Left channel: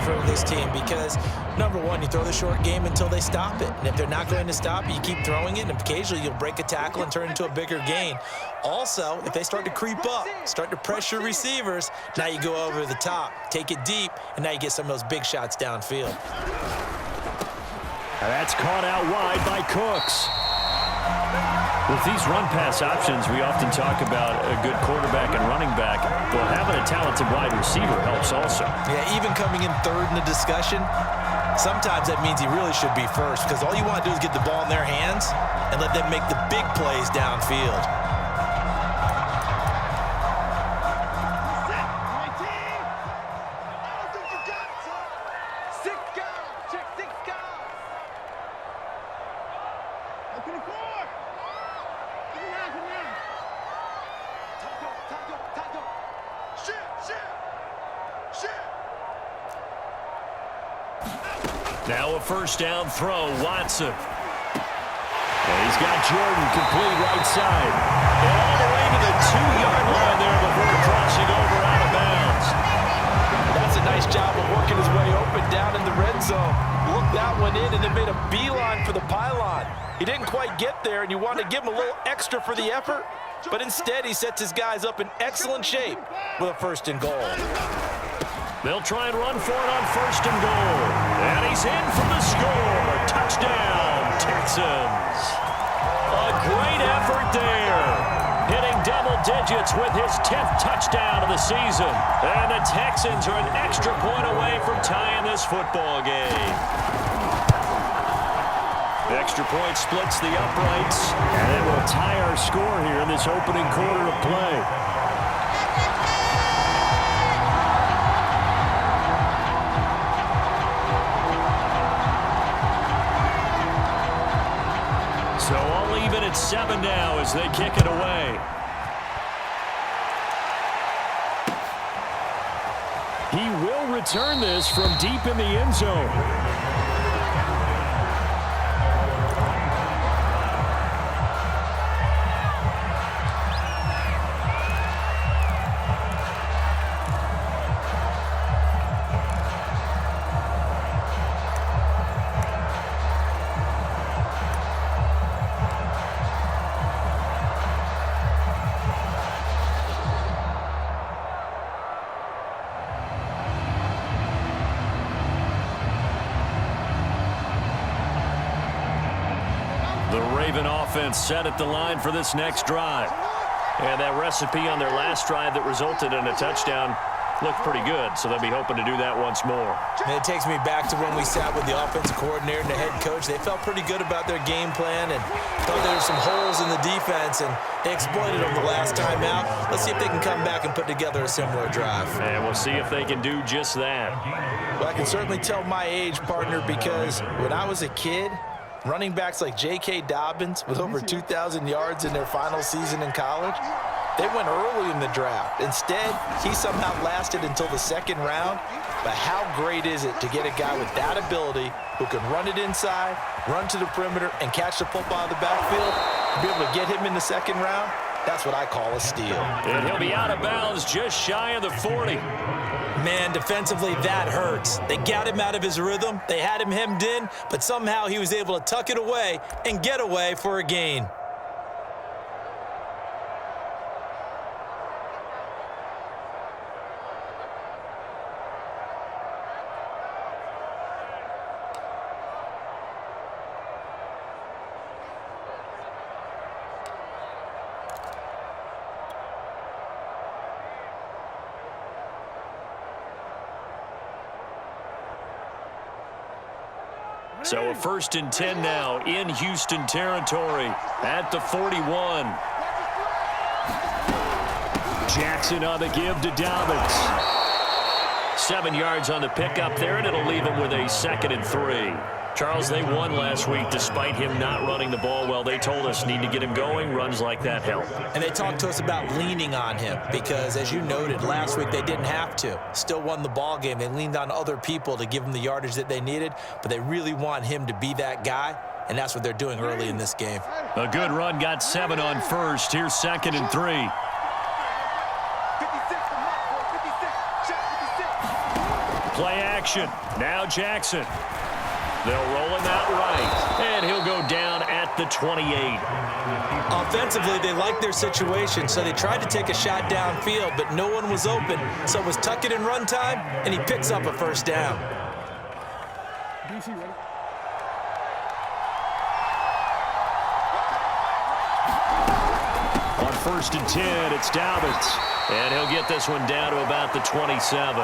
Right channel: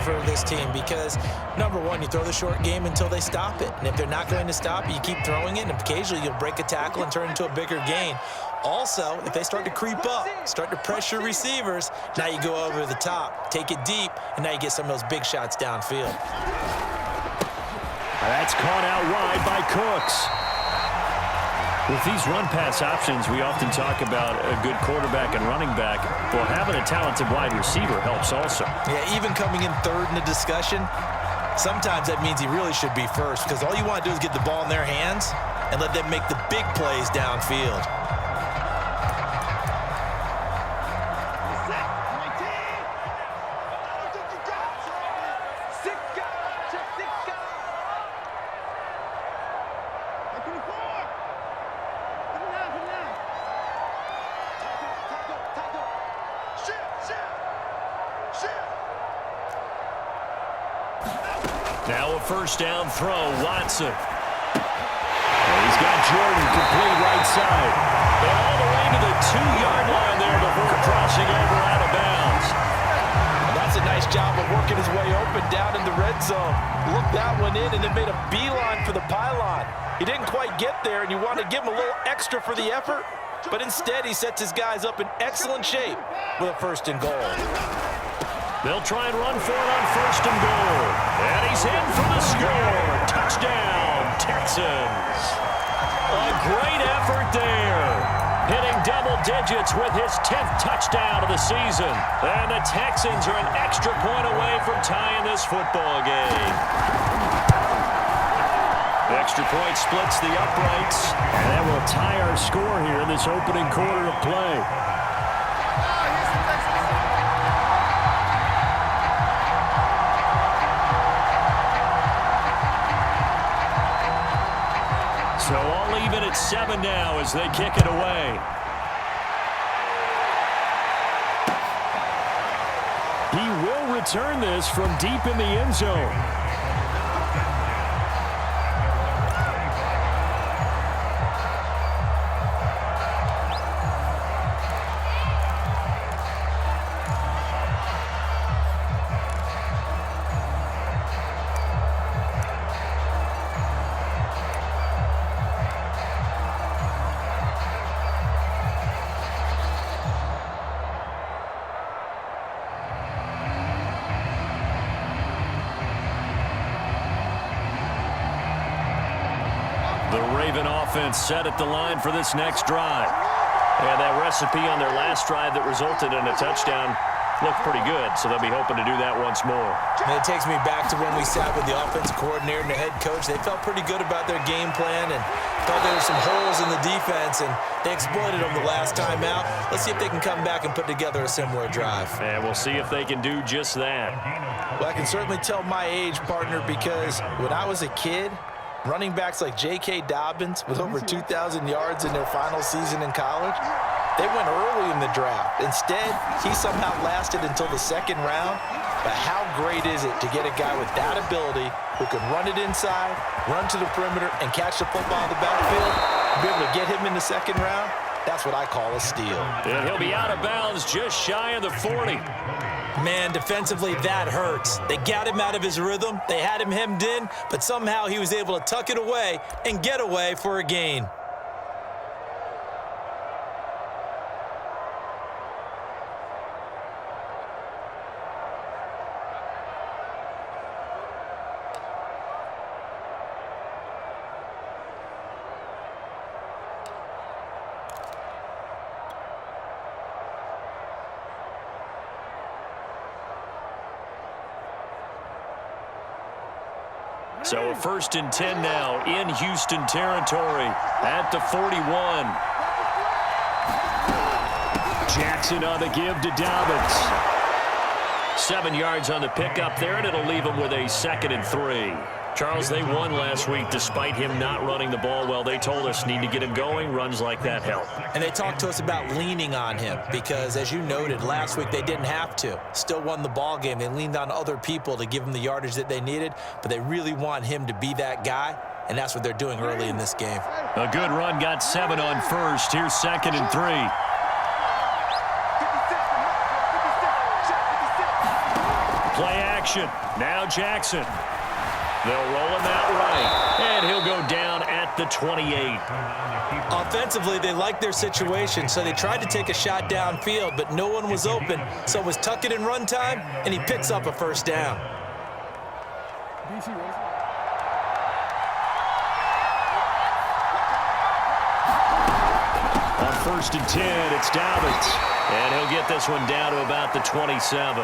for this team because, number one, you throw the short game until they stop it. And if they're not going to stop it, you keep throwing it, and occasionally you'll break a tackle and turn it into a bigger gain. Also, if they start to creep up, start to pressure receivers, now you go over the top, take it deep, and now you get some of those big shots downfield. That's caught out wide by Cooks. With these run-pass options, we often talk about a good quarterback and running back. Well, having a talented wide receiver helps also. Yeah, even coming in third in the discussion, sometimes that means he really should be first because all you want to do is get the ball in their hands and let them make the big plays downfield. Now a first down throw, Watson. And he's got Jordan complete right side. And all the way to the 2-yard line there before crossing over out of bounds. That's a nice job of working his way open down in the red zone. Looked that one in and then made a beeline for the pylon. He didn't quite get there, and you want to give him a little extra for the effort, but instead he sets his guys up in excellent shape with a first and goal. They'll try and run for it on first and goal. And he's in for the score. Touchdown, Texans. A great effort there. Hitting double digits with his 10th touchdown of the season. And the Texans are an extra point away from tying this football game. The extra point splits the uprights. And that will tie our score here in this opening quarter of play. So all even at 7 now as they kick it away. He will return this from deep in the end zone. The Raven offense set at the line for this next drive. And that recipe on their last drive that resulted in a touchdown looked pretty good, so they'll be hoping to do that once more. And it takes me back to when we sat with the offensive coordinator and the head coach. They felt pretty good about their game plan and thought there were some holes in the defense, and they exploited them the last time out. Let's see if they can come back and put together a similar drive. And we'll see if they can do just that. Well, I can certainly tell my age, partner, because when I was a kid, running backs like J.K. Dobbins with over 2,000 yards in their final season in college, they went early in the draft. Instead, he somehow lasted until the second round. But how great is it to get a guy with that ability who can run it inside, run to the perimeter, and catch the football in the backfield? To be able to get him in the second round, that's what I call a steal. And he'll be out of bounds just shy of the 40. Man, defensively, that hurts. They got him out of his rhythm. They had him hemmed in, but somehow he was able to tuck it away and get away for a gain. So a 1st and 10 now in Houston territory at the 41. Jackson on the give to Dobbins. 7 yards on the pickup there, and it'll leave him with a 2nd and 3. Charles, they won last week despite him not running the ball well. They told us need to get him going. Runs like that help. And they talked to us about leaning on him because, as you noted, last week they didn't have to. Still won the ball game. They leaned on other people to give them the yardage that they needed, but they really want him to be that guy, and that's what they're doing early in this game. A good run, got 7 on first. Here's 2nd and 3. Play action. Now Jackson. They'll roll him out right, and he'll go down at the 28. Offensively, they liked their situation, so they tried to take a shot downfield, but no one was open, so it was tuck it in run time, and he picks up a first down. On 1st and 10, it's Dobbins, and he'll get this one down to about the 27.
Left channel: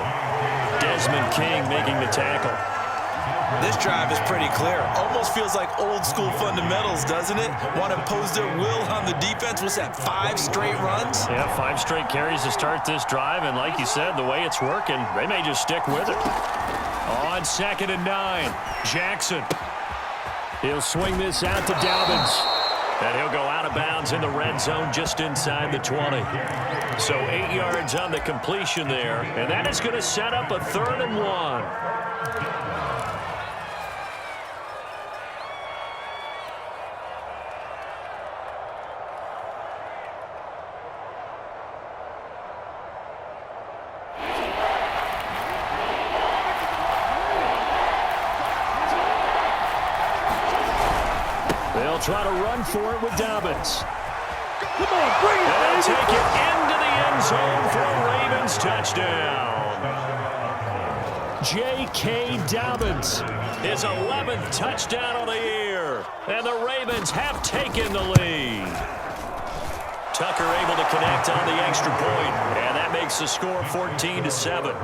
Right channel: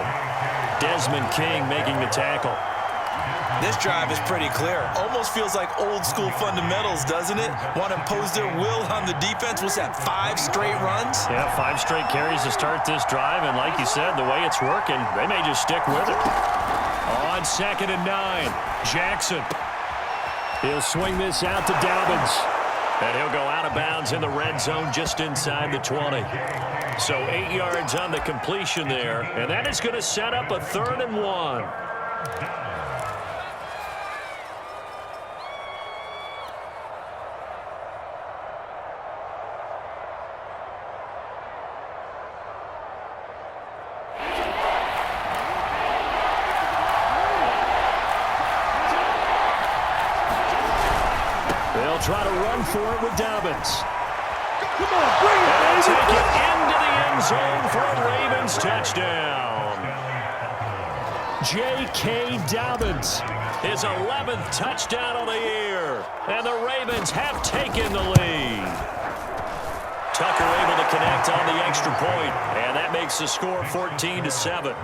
Desmond King making the tackle. This drive is pretty clear. Almost feels like old school fundamentals, doesn't it? Want to impose their will on the defense. What's that, 5 straight runs? Yeah, 5 straight carries to start this drive, and like you said, the way it's working, they may just stick with it. On 2nd and 9, Jackson. He'll swing this out to Dobbins, and he'll go out of bounds in the red zone just inside the 20. So 8 yards on the completion there, and that is going to set up a 3rd and 1. They'll try to run for it with Dobbins. Come on, bring it, baby. They'll take it into the end zone for a Ravens touchdown. J.K. Dobbins, his 11th touchdown of the year. And the Ravens have taken the lead. Tucker able to connect on the extra point, and that makes the score 14-7.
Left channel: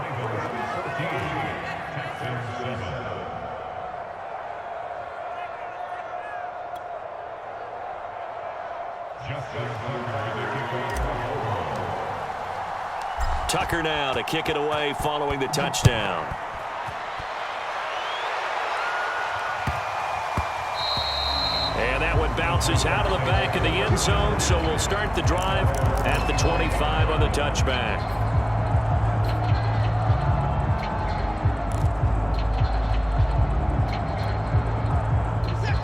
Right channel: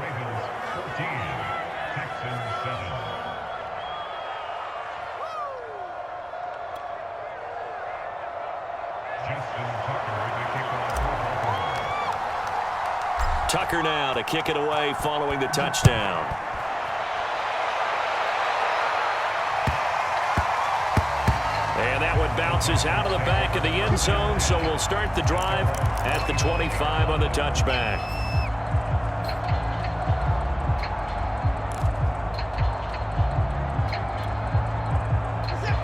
Tucker now to kick it away following the touchdown. And that one bounces out of the back of the end zone, so we'll start the drive at the 25 on the touchback.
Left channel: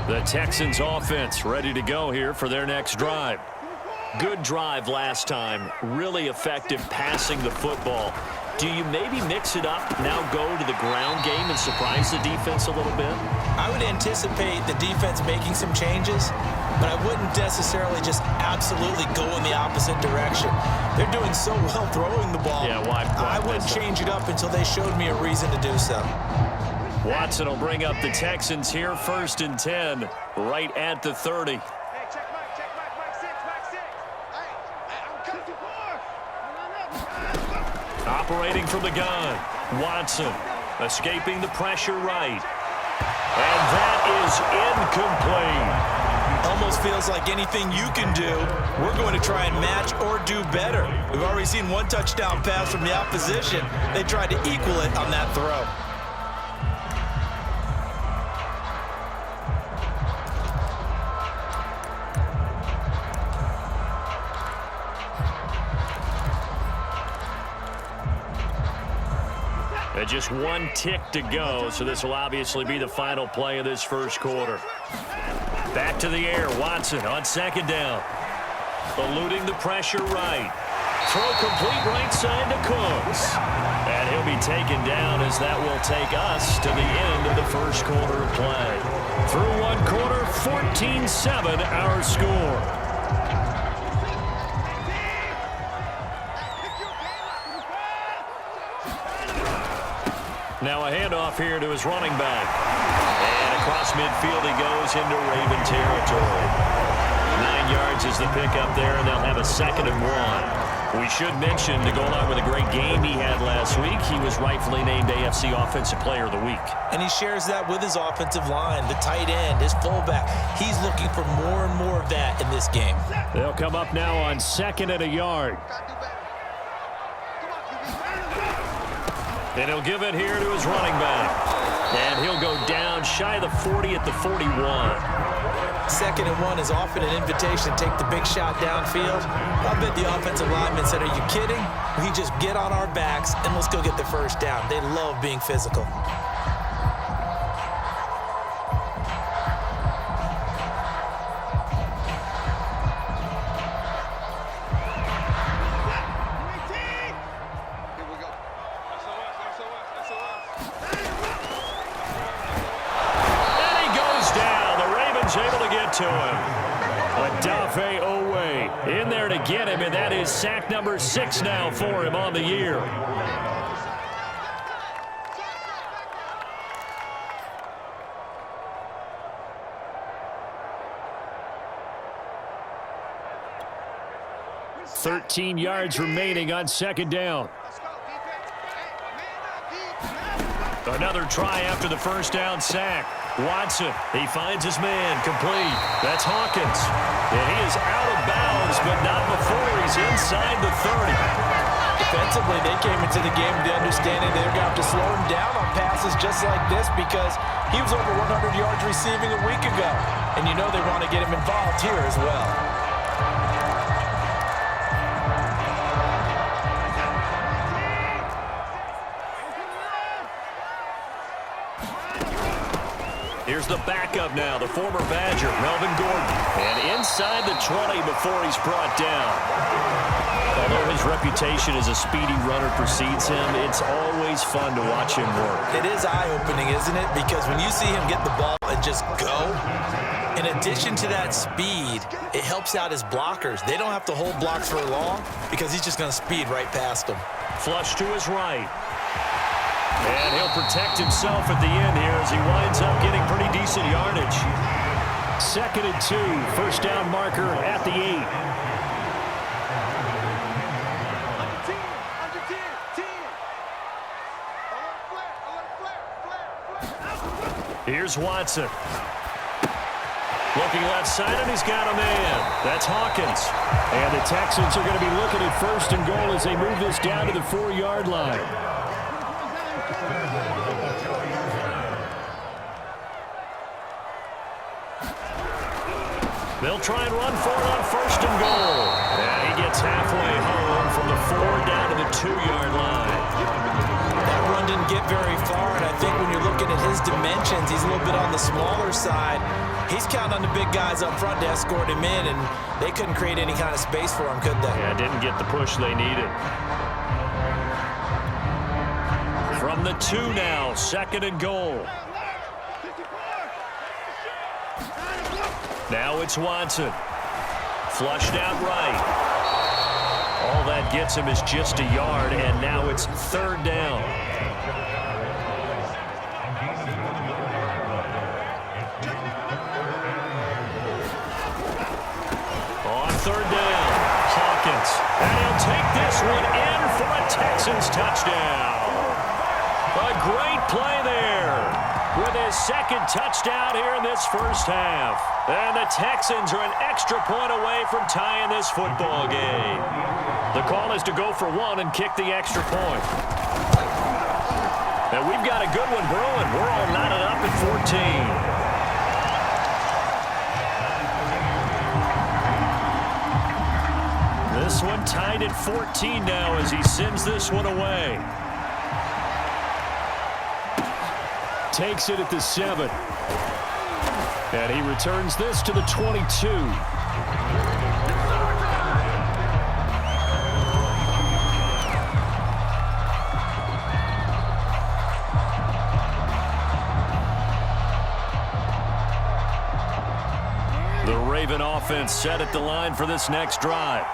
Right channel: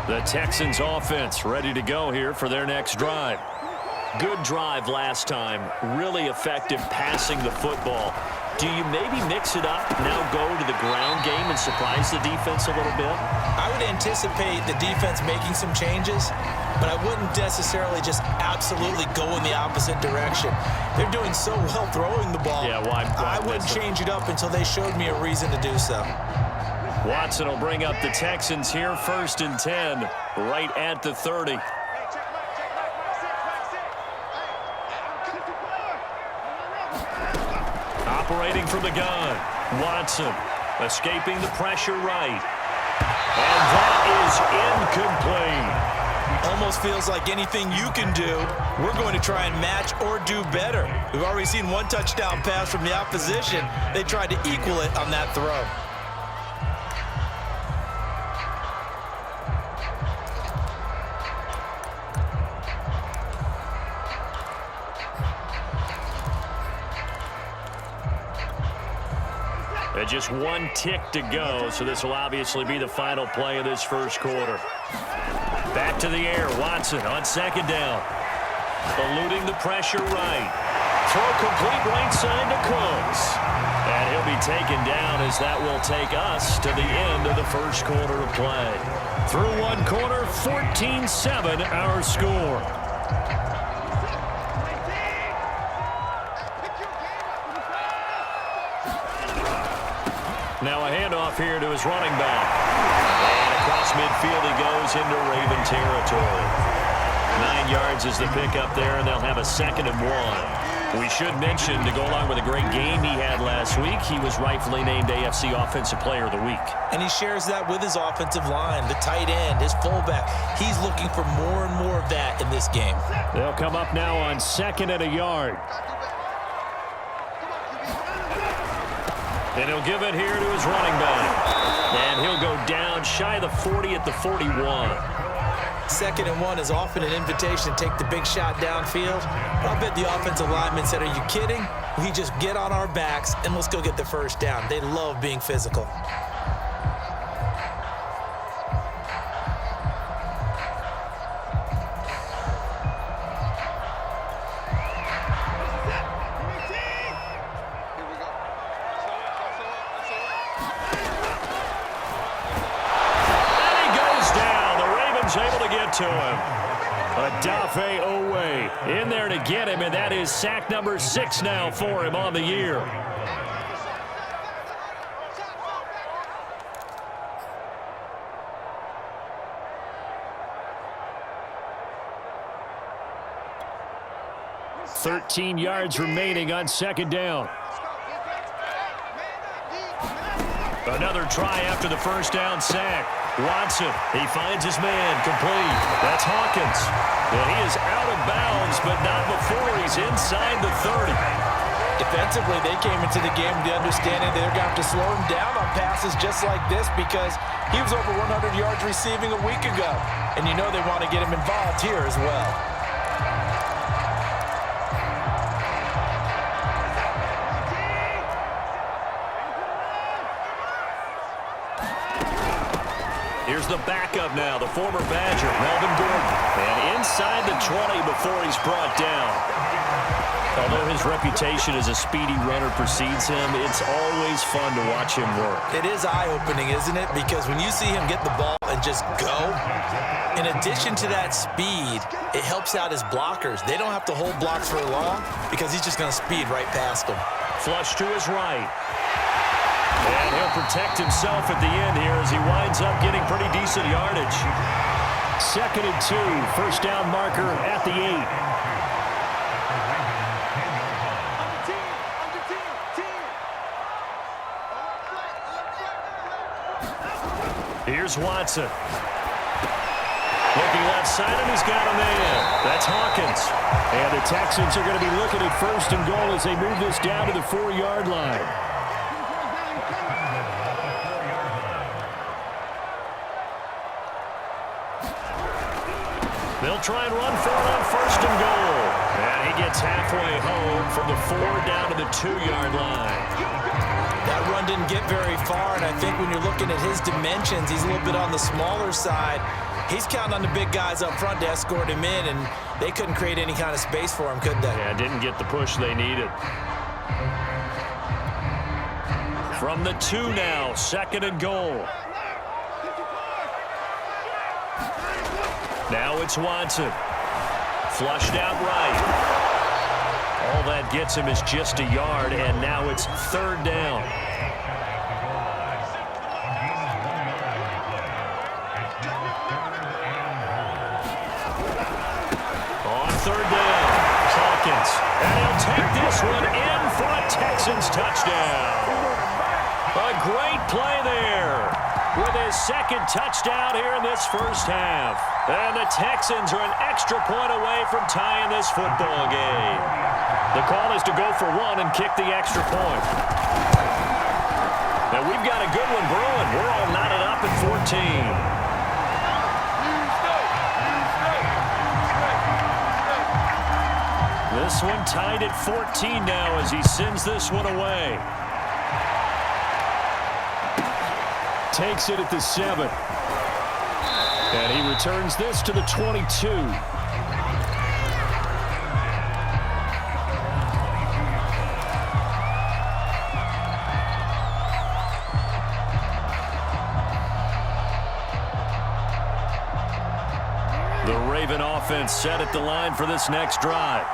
The Texans offense ready to go here for their next drive. Good drive last time. Really effective passing the football. Do you maybe mix it up, now go to the ground game and surprise the defense a little bit? I would anticipate the defense making some changes, but I wouldn't necessarily just absolutely go in the opposite direction. They're doing so well throwing the ball. Yeah, why I wouldn't change it up until they showed me a reason to do so. Watson will bring up the Texans here, 1st and 10, right at the 30. Operating from the gun, Watson escaping the pressure right. And that is incomplete. Almost feels like anything you can do, we're going to try and match or do better. We've already seen one touchdown pass from the opposition. They tried to equal it on that throw. Just one tick to go, so this will obviously be the final play of this first quarter. Back to the air, Watson on 2nd down. Eluding the pressure right. Throw complete right side to Cooks. And he'll be taken down as that will take us to the end of the first quarter of play. Through one quarter, 14-7 our score. Now a handoff here to his running back. And across midfield he goes into Raven territory. 9 yards is the pickup there, and they'll have a 2nd and 1. We should mention, to go along with a great game he had last week, he was rightfully named AFC Offensive Player of the Week. And he shares that with his offensive line, the tight end, his fullback. He's looking for more and more of that in this game. They'll come up now on 2nd and a yard. And he'll give it here to his running back. And he'll go down shy of the 40 at the 41. 2nd and 1 is often an invitation to take the big shot downfield. I'll bet the offensive lineman said, "Are you kidding? We just get on our backs and let's go get the first down." They love being physical. was able to get to him. Odafe Owe in there to get him, and that is sack number 6 now for him on the year. "13 yards remaining on second down." Another try after the first down sack. Watson, he finds his man, complete. That's Hawkins. And he is out of bounds, but not before he's inside the 30. Defensively, they came into the game with the understanding they're going to have to slow him down on passes just like this because he was over 100 yards receiving a week ago. And you know they want to get him involved here as well. Here's the backup now, the former Badger, Melvin Gordon. And inside the 20 before he's brought down. Although his reputation as a speedy runner precedes him, it's always fun to watch him work. It is eye-opening, isn't it? Because when you see him get the ball and just go, in addition to that speed, it helps out his blockers. They don't have to hold blocks for long because he's just going to speed right past them. Flush to his right. And he'll protect himself at the end here as he winds up getting pretty decent yardage. 2nd and 2, first down marker at the 8. Here's Watson. Looking left side, and he's got a man. That's Hawkins. And the Texans are going to be looking at 1st and goal as they move this down to the 4-yard line. They'll try and run for it on 1st and goal. And he gets halfway home from the 4 down to the 2-yard line. That run didn't get very far, and I think when you're looking at his dimensions, he's a little bit on the smaller side. He's counting on the big guys up front to escort him in, and they couldn't create any kind of space for him, could they? Yeah, didn't get the push they needed. From the 2 now, 2nd and goal. Now it's Watson. Flushed out right. All that gets him is just a yard, and now it's 3rd down. On 3rd down, Hawkins. And he'll take this one in for a Texans touchdown. A great play there with his 2nd touchdown here in this first half. And the Texans are an extra point away from tying this football game. The call is to go for 1 and kick the extra point. And we've got a good one brewing. We're all knotted up at 14. This one tied at 14 now as he sends this one away. Takes it at the 7. And he returns this to the 22. The Raven offense set at the line for this next drive.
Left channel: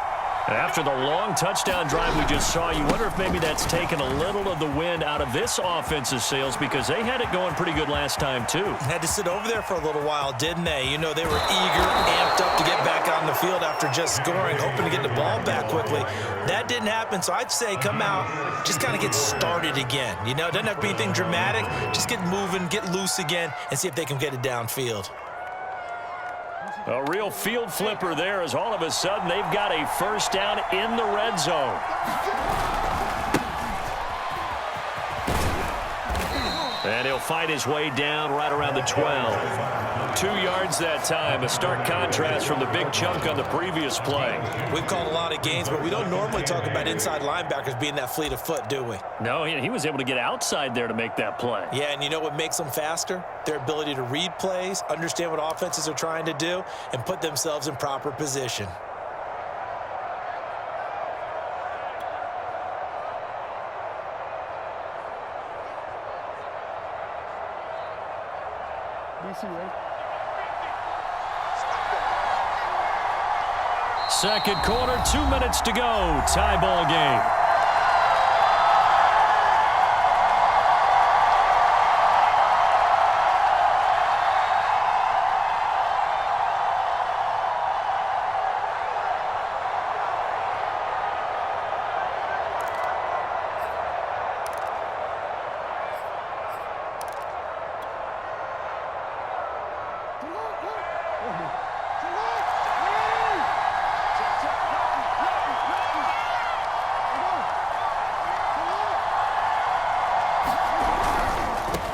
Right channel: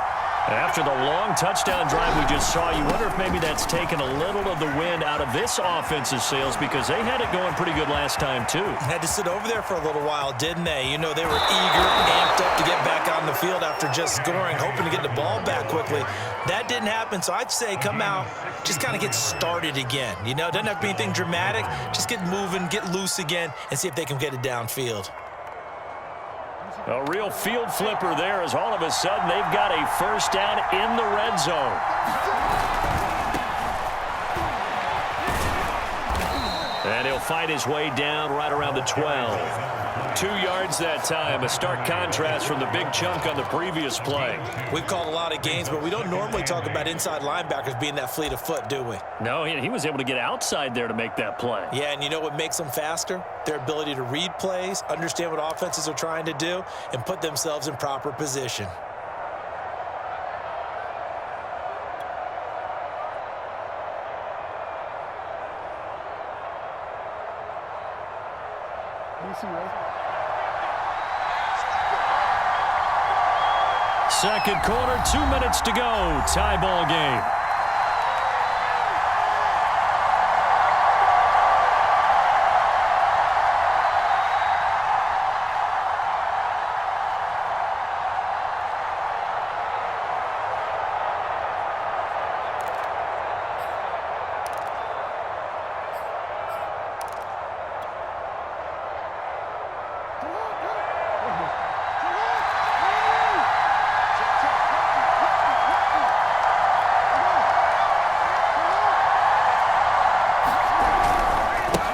After the long touchdown drive we just saw, you wonder if maybe that's taken a little of the wind out of this offense's sails because they had it going pretty good last time, too. Had to sit over there for a little while, didn't they? You know, they were eager, amped up to get back on the field after just scoring, hoping to get the ball back quickly. That didn't happen, so I'd say come out, just kind of get started again. You know, it doesn't have to be anything dramatic. Just get moving, get loose again, and see if they can get it downfield. A real field flipper there as all of a sudden they've got a first down in the red zone. And he'll fight his way down right around the 12. 2 yards that time, a stark contrast from the big chunk on the previous play. We've called a lot of games, but we don't normally talk about inside linebackers being that fleet of foot, do we? No, he was able to get outside there to make that play. Yeah, and you know what makes them faster? Their ability to read plays, understand what offenses are trying to do, and put themselves in proper position. DC, right? Second quarter, 2 minutes to go. Tie ball game.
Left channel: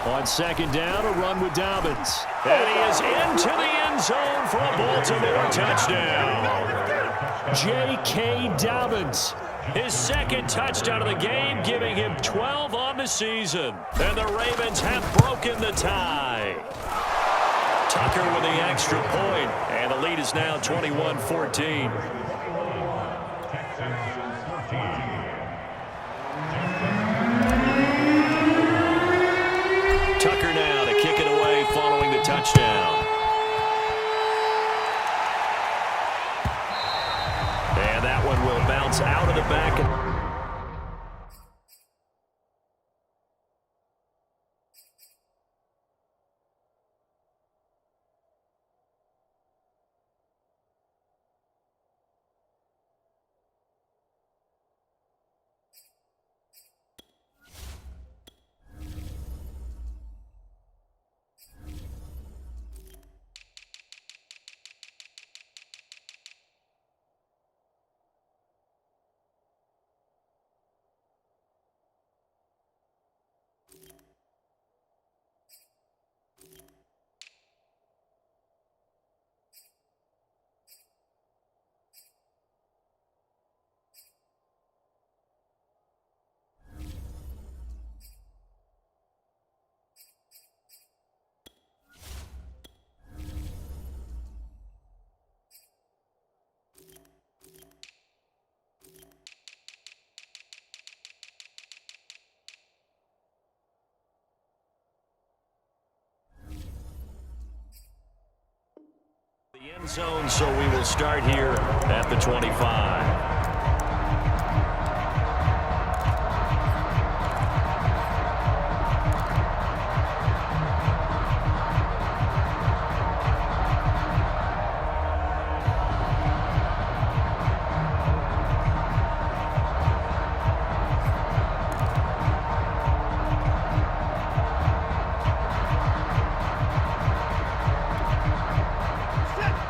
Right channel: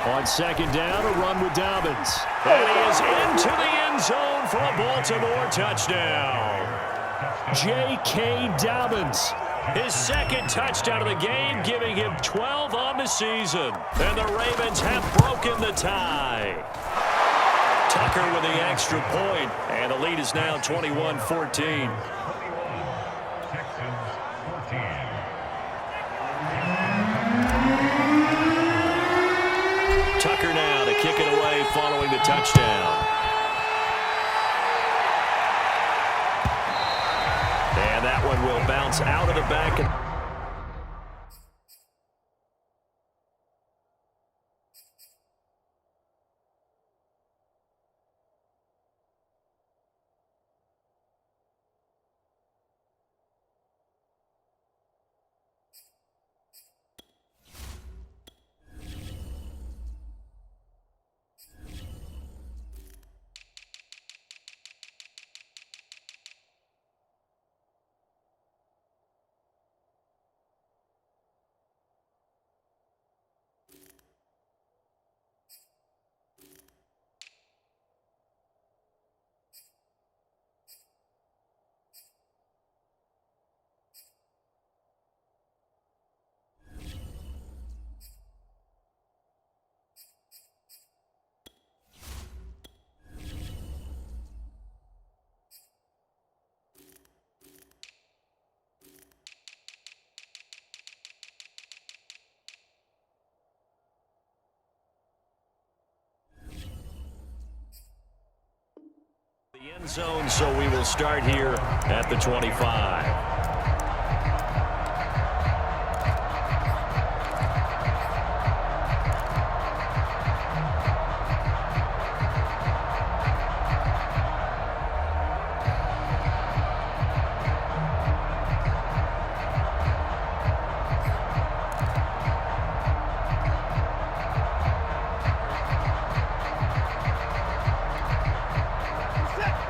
On second down, a run with Dobbins. And he is into the end zone for a Baltimore touchdown. J.K. Dobbins, his second touchdown of the game, giving him 12 on the season. And the Ravens have broken the tie. Tucker with the extra point, and the lead is now 21-14. Tucker now to kick it away following the touchdown. And that one will bounce out of the back. The end zone, so we will start here at the 25.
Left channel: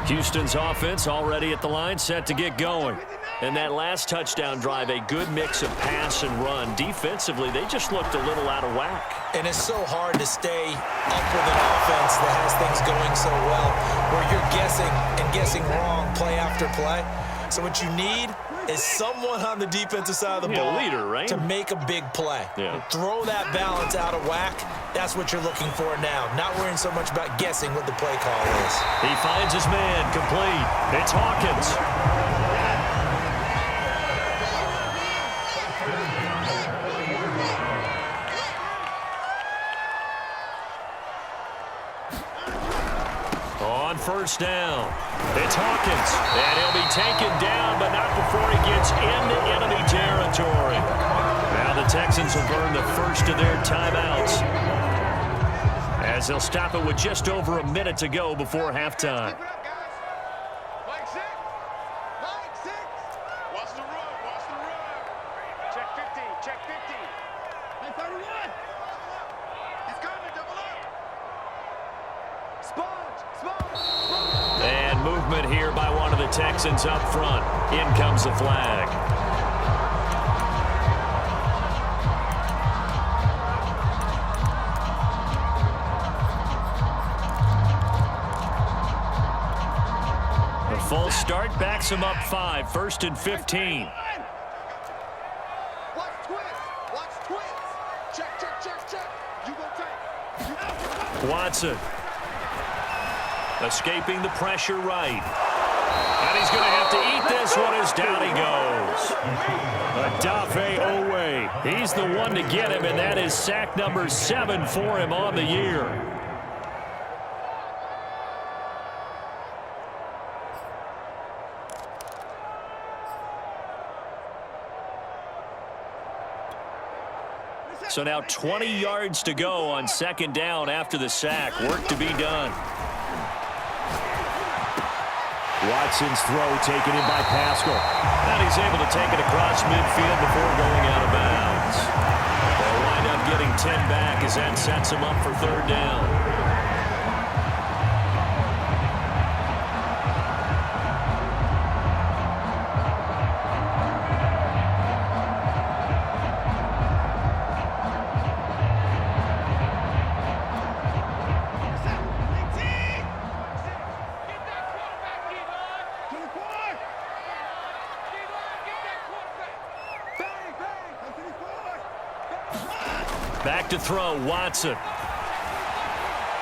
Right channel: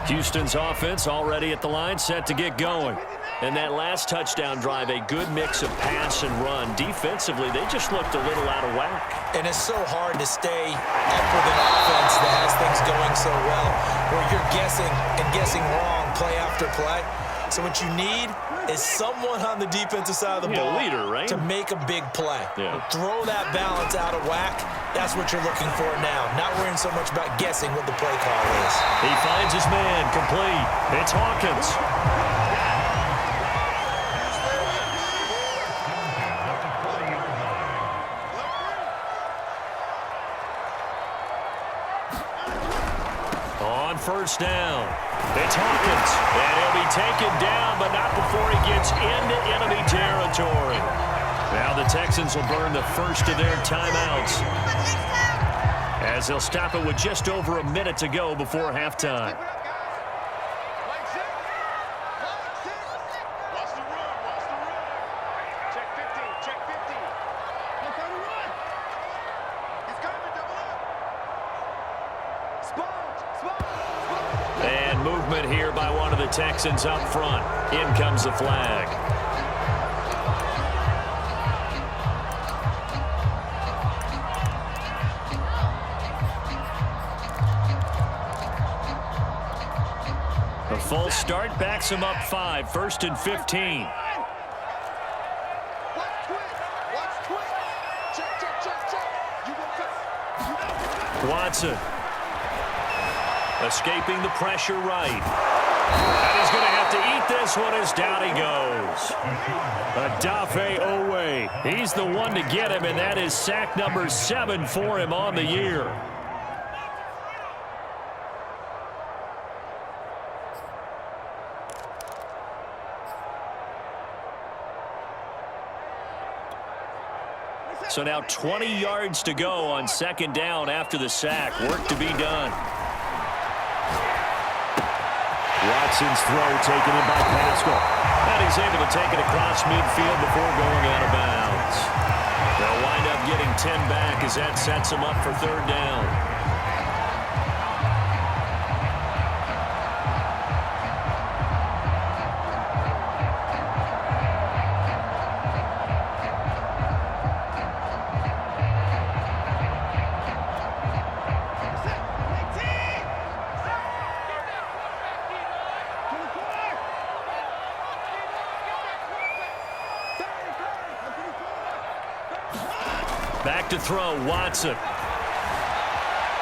Houston's offense already at the line, set to get going. And that last touchdown drive, a good mix of pass and run. Defensively, they just looked a little out of whack. And it's so hard to stay up with an offense that has things going so well, where you're guessing and guessing wrong play after play. So what you need is someone on the defensive side of the ball leader, right? to make a big play. Yeah. Throw that balance out of whack. That's what you're looking for now. Not worrying so much about guessing what the play call is. He finds his man complete. It's Hawkins. On first down, it's Hawkins, and he'll be taken down, but not before he gets into enemy territory. Now the Texans will burn the first of their timeouts, as they'll stop it with just over a minute to go before halftime. Keep it up, guys. Line six. Line six. Watch the run. Watch the run. Check 50. Check 50. Line 31. Double up. He's coming. Double up. Sponge. Sponge. Sponge. And movement here by one of the Texans up front. In comes the flag. A full start backs him up 5, 1st and 15. Watch twist. Watch twist. Check, check, check, check. You go tight. You go. Watson escaping the pressure right. And he's going to have to eat this one as down he goes. Adafe Owe. He's the one to get him, and that is sack number 7 for him on the year. So now 20 yards to go on second down after the sack. Work to be done. Watson's throw taken in by Pascal. And he's able to take it across midfield before going out of bounds. They'll wind up getting 10 back as that sets them up for third down. Back to throw, Watson.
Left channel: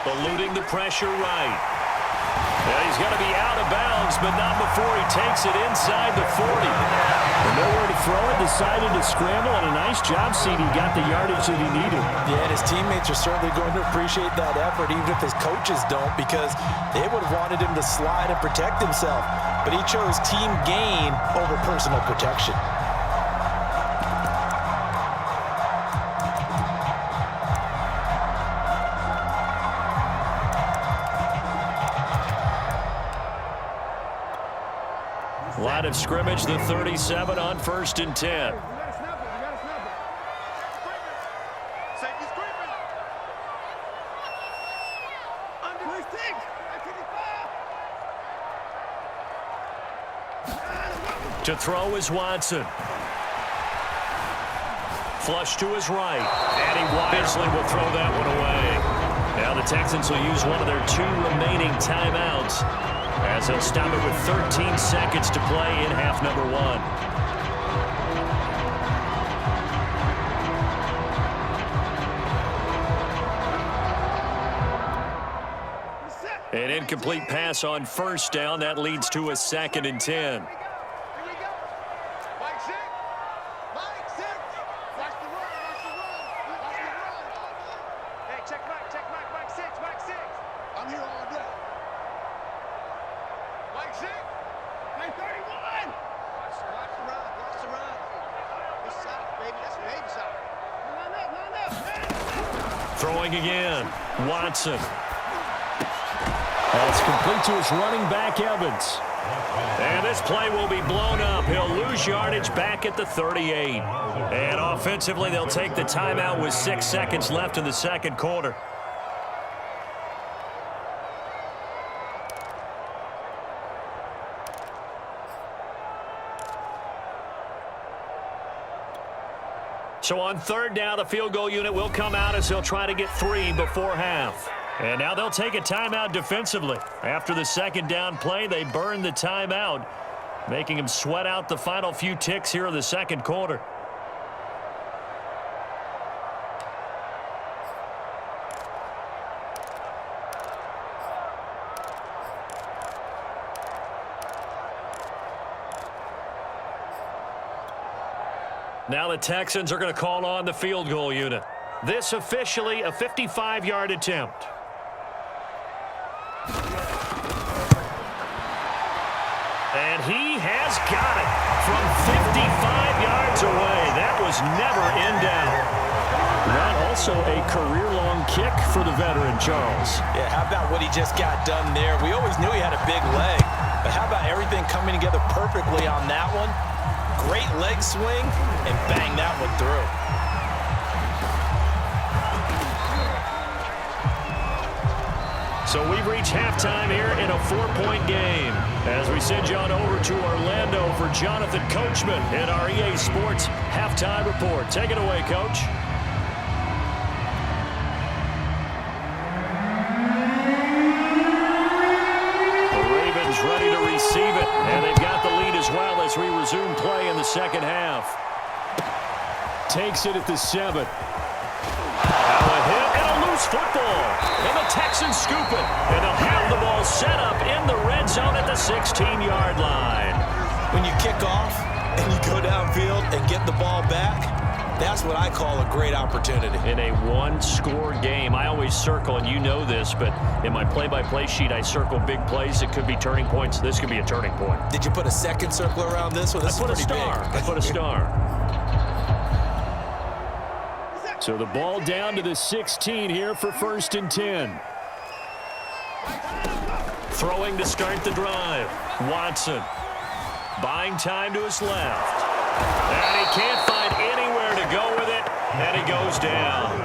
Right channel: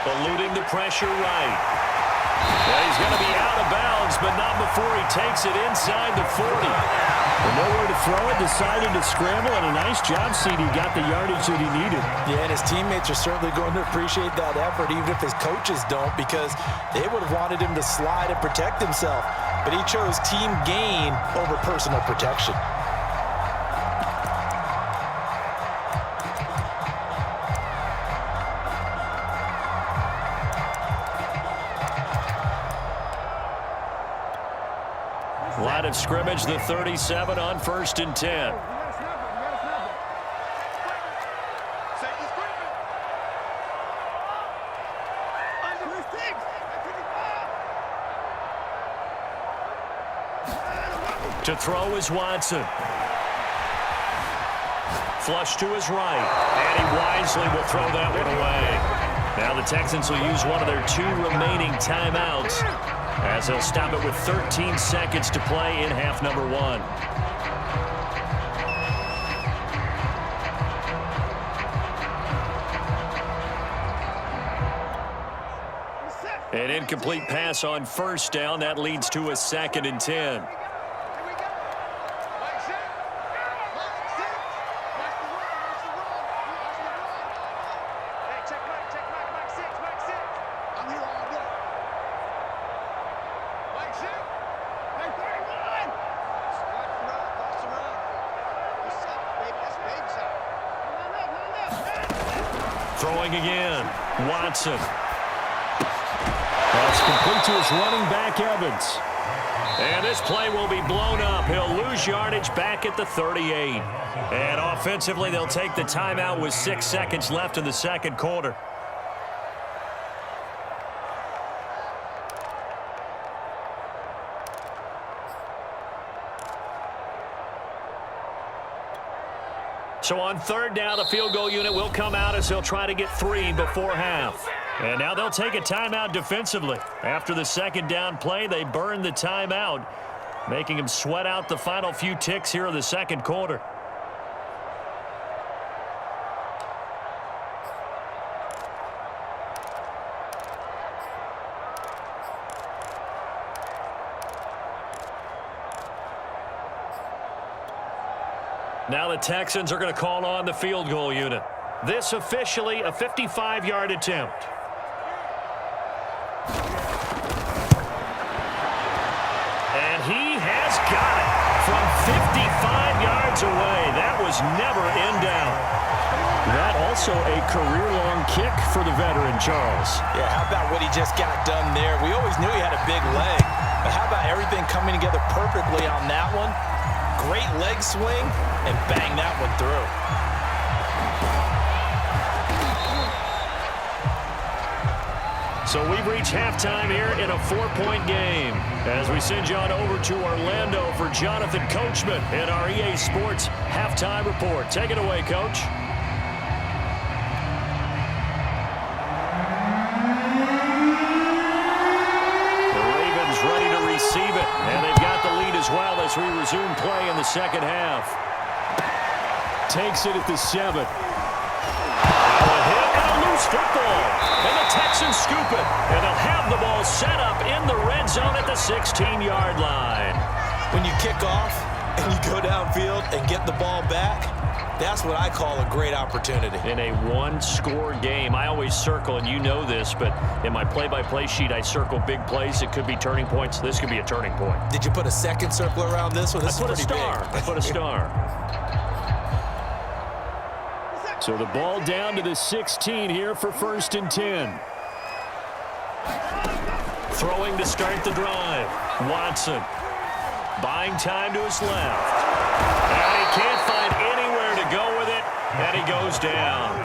Eluding the pressure right. Yeah, he's going to be out of bounds, but not before he takes it inside the 40. With nowhere to throw it, decided to scramble, and a nice job, CD. Got the yardage that he needed. Yeah, and his teammates are certainly going to appreciate that effort, even if his coaches don't, because they would have wanted him to slide and protect himself. But he chose team gain over personal protection. Line of scrimmage, the 37 on 1st and 10. We got to snap it. We got to snap it. Safety's creeping. Under 6. At 55. To throw is Watson. Flush to his right. And he wisely will throw that one away. Now the Texans will use one of their 2 remaining timeouts, as they'll stop it with 13 seconds to play in half number 1. An incomplete pass on 1st down. That leads to a 2nd and 10. Here we go. Mike 6. Mike 6. Watch the run. Watch the run. Watch the run. Hey, check Mike. Check Mike. Mike 6. Mike 6. I'm here all day. Mike 6. Mike 31. Watch the run. Watch the run. Good shot, baby. That's a baby shot. Line up. Line up. Throwing again. Watson. That's complete to his running back, Evans. And this play will be blown up. He'll lose yardage back at the 38. And offensively, they'll take the timeout with 6 seconds left in the second quarter. So on 3rd down, the field goal unit will come out as they'll try to get 3 before half. And now they'll take a timeout defensively. After the 2nd down play, they burn the timeout, making them sweat out the final few ticks here in the second quarter. Now the Texans are going to call on the field goal unit. This officially a 55-yard attempt. And he has got it from 55 yards away. That was never in doubt. That also a career-long kick for the veteran, Charles. Yeah, how about what he just got done there? We always knew he had a big leg, but how about everything coming together perfectly on that one? Great leg swing, and bang that one through. So we've reached halftime here in a 4-point game as we send you on over to Orlando for Jonathan Coachman in our EA Sports Halftime Report. Take it away, Coach. The Ravens ready to receive it, and they've got the lead as well as we resume play in the second half. Takes it at the 7. Now a hit and a loose football. And the Texans scoop it. And they'll have the ball set up in the red zone at the 16-yard line. When you kick off and you go downfield and get the ball back, that's what I call a great opportunity. In a one-score game, I always circle, and you know this, but in my play-by-play sheet, I circle big plays. It could be turning points. This could be a turning point. Did you put a second circle around this one? This I put a star. I put a star. So the ball down to the 16 here for 1st and 10. Throwing to start the drive. Watson. Buying time to his left. And he can't find anywhere to go with it, and he goes down.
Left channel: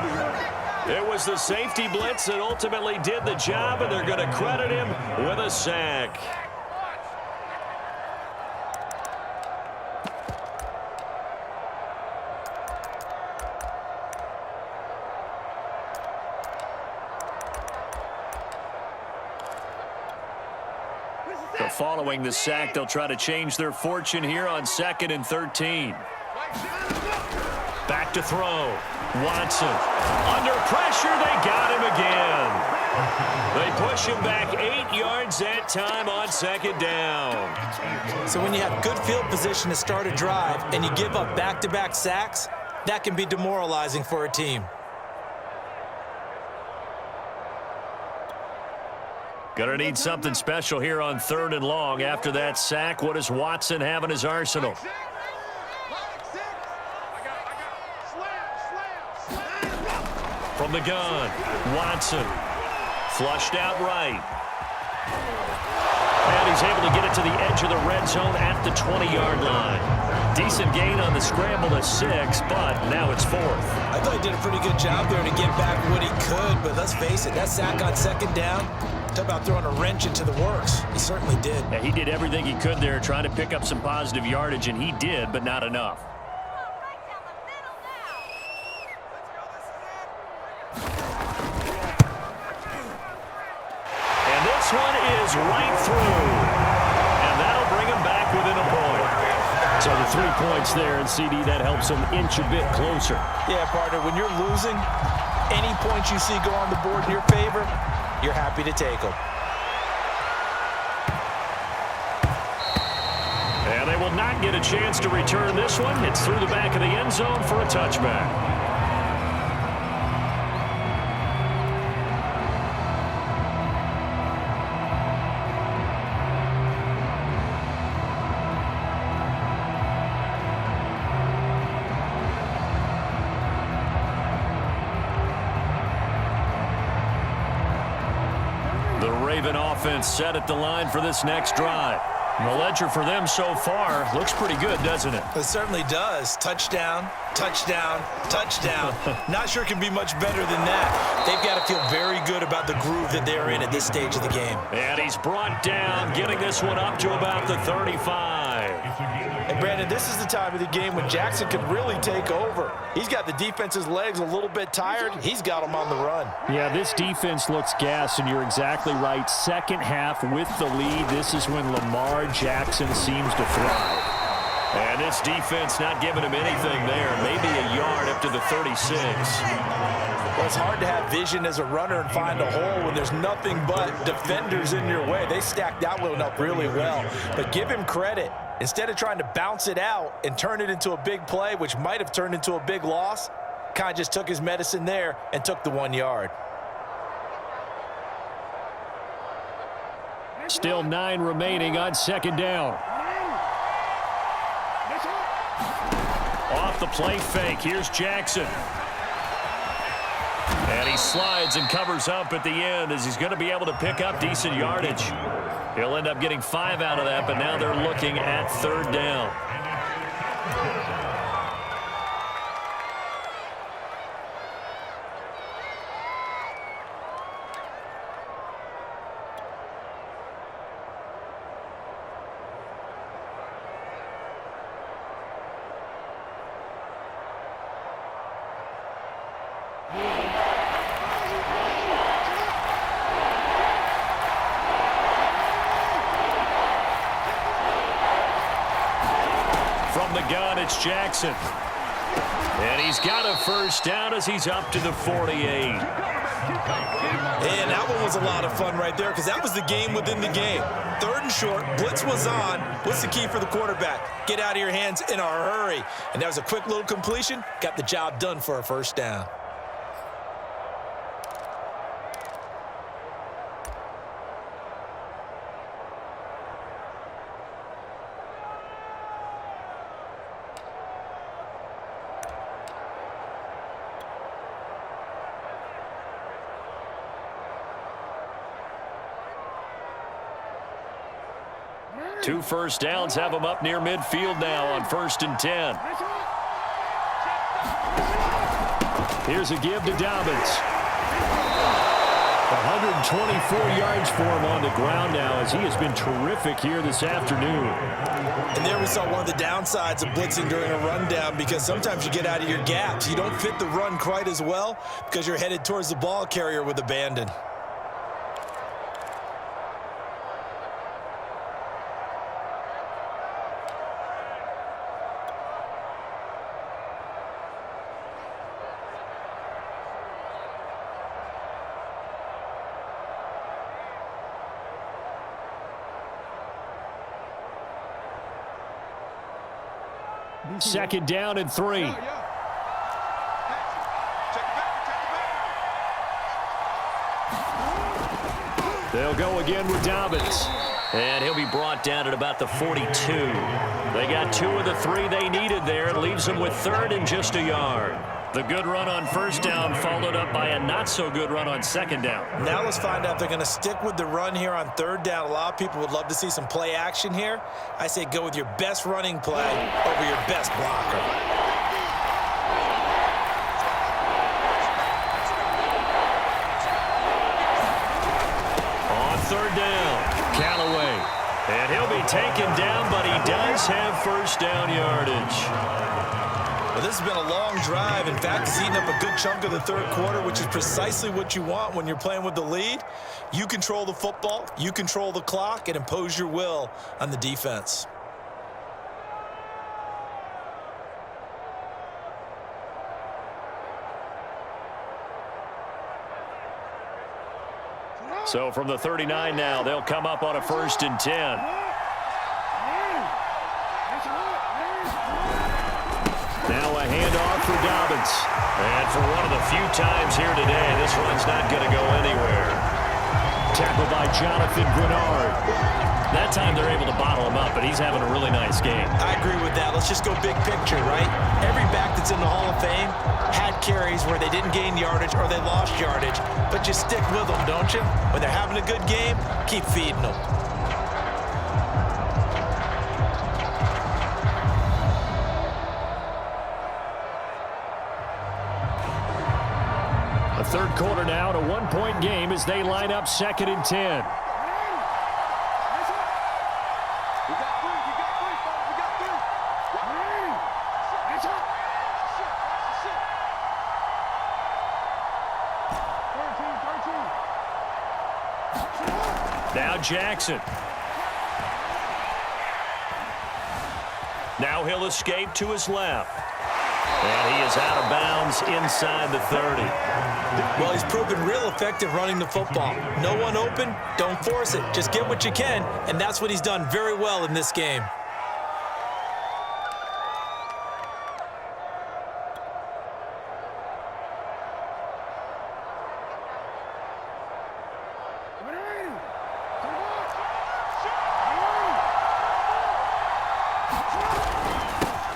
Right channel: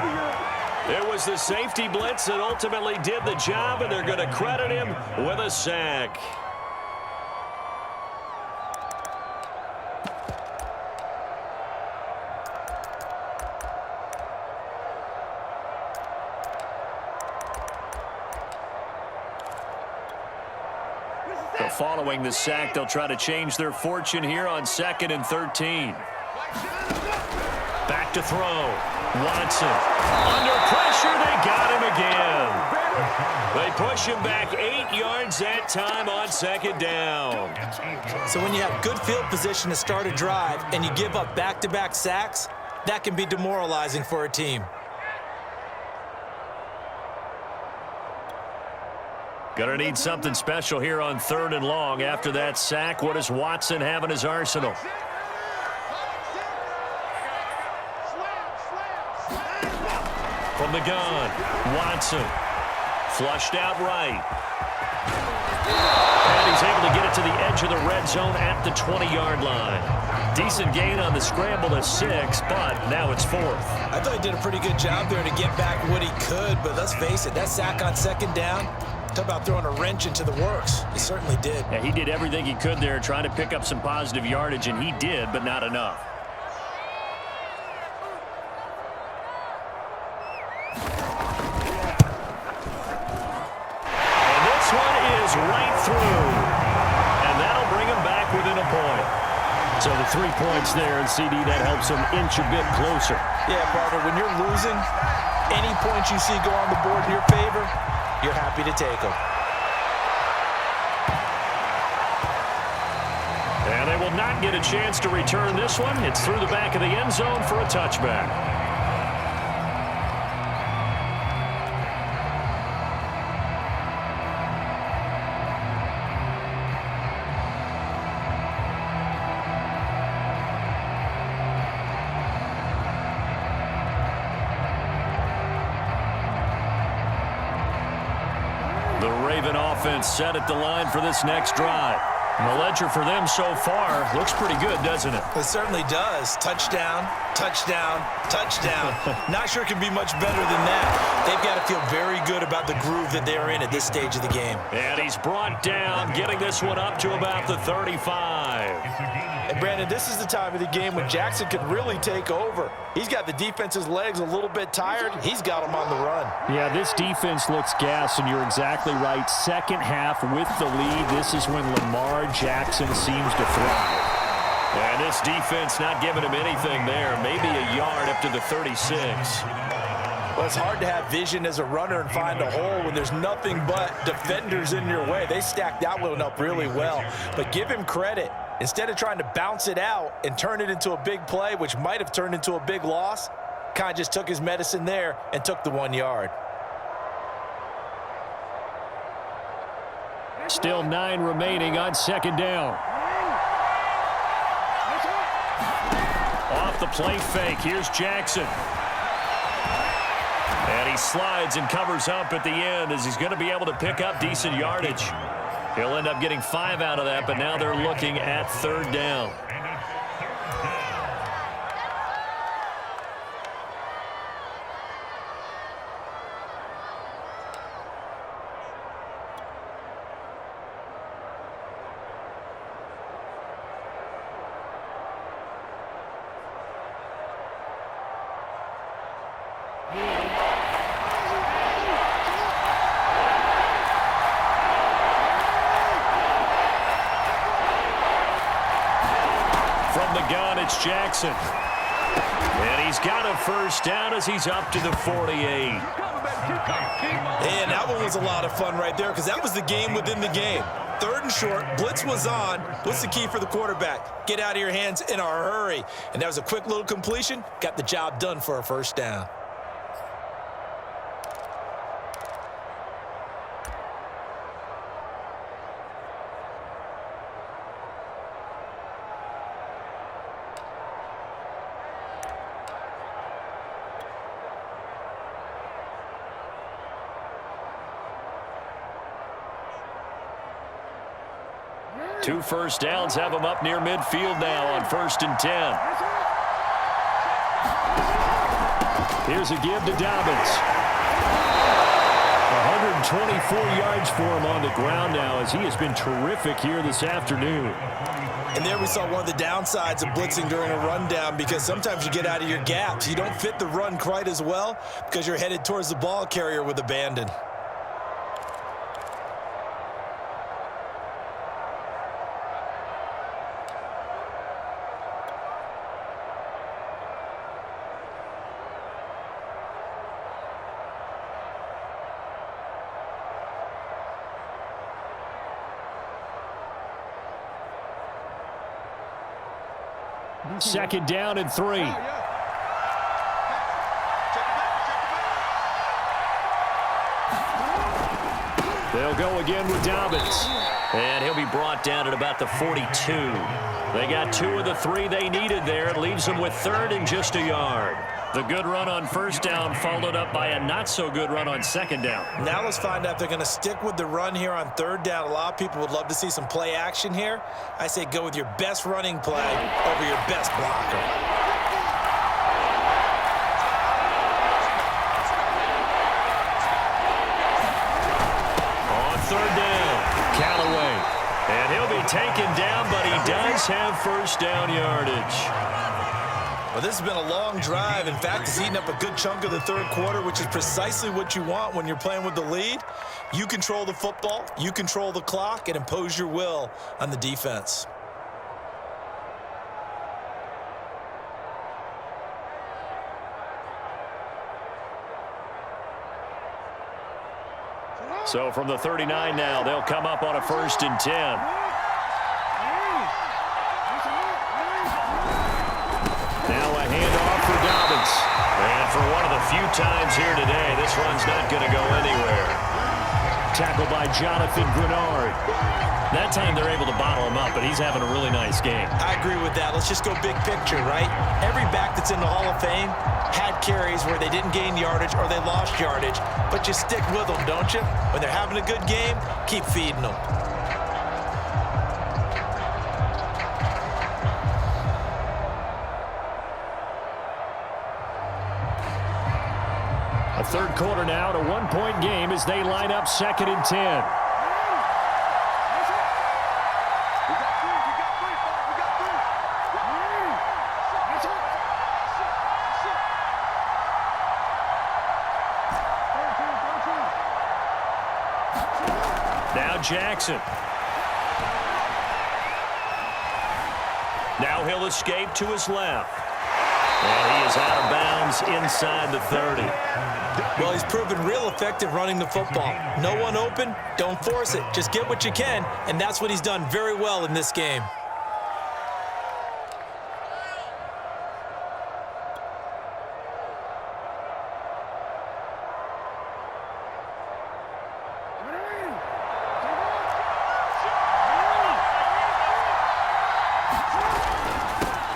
It was the safety blitz that ultimately did the job, and they're going to credit him with a sack. So following the sack, they'll try to change their fortune here on 2nd and 13. Back to throw. Watson. Under pressure, they got him again. They push him back 8 yards that time on 2nd down. So when you have good field position to start a drive and you give up back-to-back sacks, that can be demoralizing for a team. Gonna need something special here on 3rd and long. After that sack, what does Watson have in his arsenal? From the gun, Watson. Flushed out right. And he's able to get it to the edge of the red zone at the 20-yard line. Decent gain on the scramble to 6, but now it's 4th. I thought he did a pretty good job there to get back what he could, but let's face it, that sack on 2nd down, talk about throwing a wrench into the works. He certainly did. Yeah, he did everything he could there trying to pick up some positive yardage, and he did, but not enough. And this one is right through. And that'll bring him back within a point. So the 3 points there, and CD, that helps him inch a bit closer. Yeah, partner, when you're losing, any points you see go on the board in your favor, you're happy to take them. And they will not get a chance to return this one. It's through the back of the end zone for a touchback. The Raven offense set at the line for this next drive. And the ledger for them so far looks pretty good, doesn't it? It certainly does. Touchdown, touchdown, touchdown. Not sure it can be much better than that. They've got to feel very good about the groove that they're in at this stage of the game. And he's brought down, getting this one up to about the 35. And Brandon, this is the time of the game when Jackson could really take over. He's got the defense's legs a little bit tired. He's got them on the run. Yeah, this defense looks gassed, and you're exactly right. Second half with the lead, this is when Lamar Jackson seems to thrive. And this defense not giving him anything there. Maybe a yard up to the 36. Well, it's hard to have vision as a runner and find a hole when there's nothing but defenders in your way. They stacked that one up really well. But give him credit. Instead of trying to bounce it out and turn it into a big play, which might have turned into a big loss, kind of just took his medicine there and took the 1 yard. Still 9 remaining on 2nd down. Off the play fake, here's Jackson. And he slides and covers up at the end as he's going to be able to pick up decent yardage. He'll end up getting 5 out of that, but now they're looking at 3rd down. From the gun, it's Jackson. And he's got a 1st down as he's up to the 48. And that one was a lot of fun right there because that was the game within the game. 3rd and short, blitz was on. What's the key for the quarterback? Get out of your hands in a hurry. And that was a quick little completion. Got the job done for a 1st down. 2 first downs have them up near midfield now on 1st and 10. Here's a give to Dobbins. 124 yards for him on the ground now as he has been terrific here this afternoon. And there we saw one of the downsides of blitzing during a rundown, because sometimes you get out of your gaps. You don't fit the run quite as well because you're headed towards the ball carrier with abandon. Second down and 3. They'll go again with Dobbins. And he'll be brought down at about the 42. They got 2 of the 3 they needed there. It leaves them with 3rd and just a yard. The good run on 1st down followed up by a not-so-good run on 2nd down. Now let's find out if they're going to stick with the run here on 3rd down. A lot of people would love to see some play action here. I say go with your best running play over your best blocker. On 3rd down, Callaway. And he'll be taken down, but he does have 1st down yardage. Well, this has been a long drive. In fact, it's eaten up a good chunk of the 3rd quarter, which is precisely what you want when you're playing with the lead. You control the football, you control the clock, and impose your will on the defense. So from the 39 now, they'll come up on a 1st and 10. Now a handoff for Dobbins. And for one of the few times here today, this run's not going to go anywhere. Tackled by Jonathan Grenard. That time they're able to bottle him up, but he's having a really nice game. I agree with that. Let's just go big picture, right? Every back that's in the Hall of Fame had carries where they didn't gain yardage or they lost yardage, but you stick with them, don't you? When they're having a good game, keep feeding them. A 3rd quarter now, to 1-point game as they line up 2nd and 10. Now Jackson. Now he'll escape to his left. And he is out of bounds inside the 30. Well, he's proven real effective running the football. No one open, don't force it. Just get what you can, and that's what he's done very well in this game.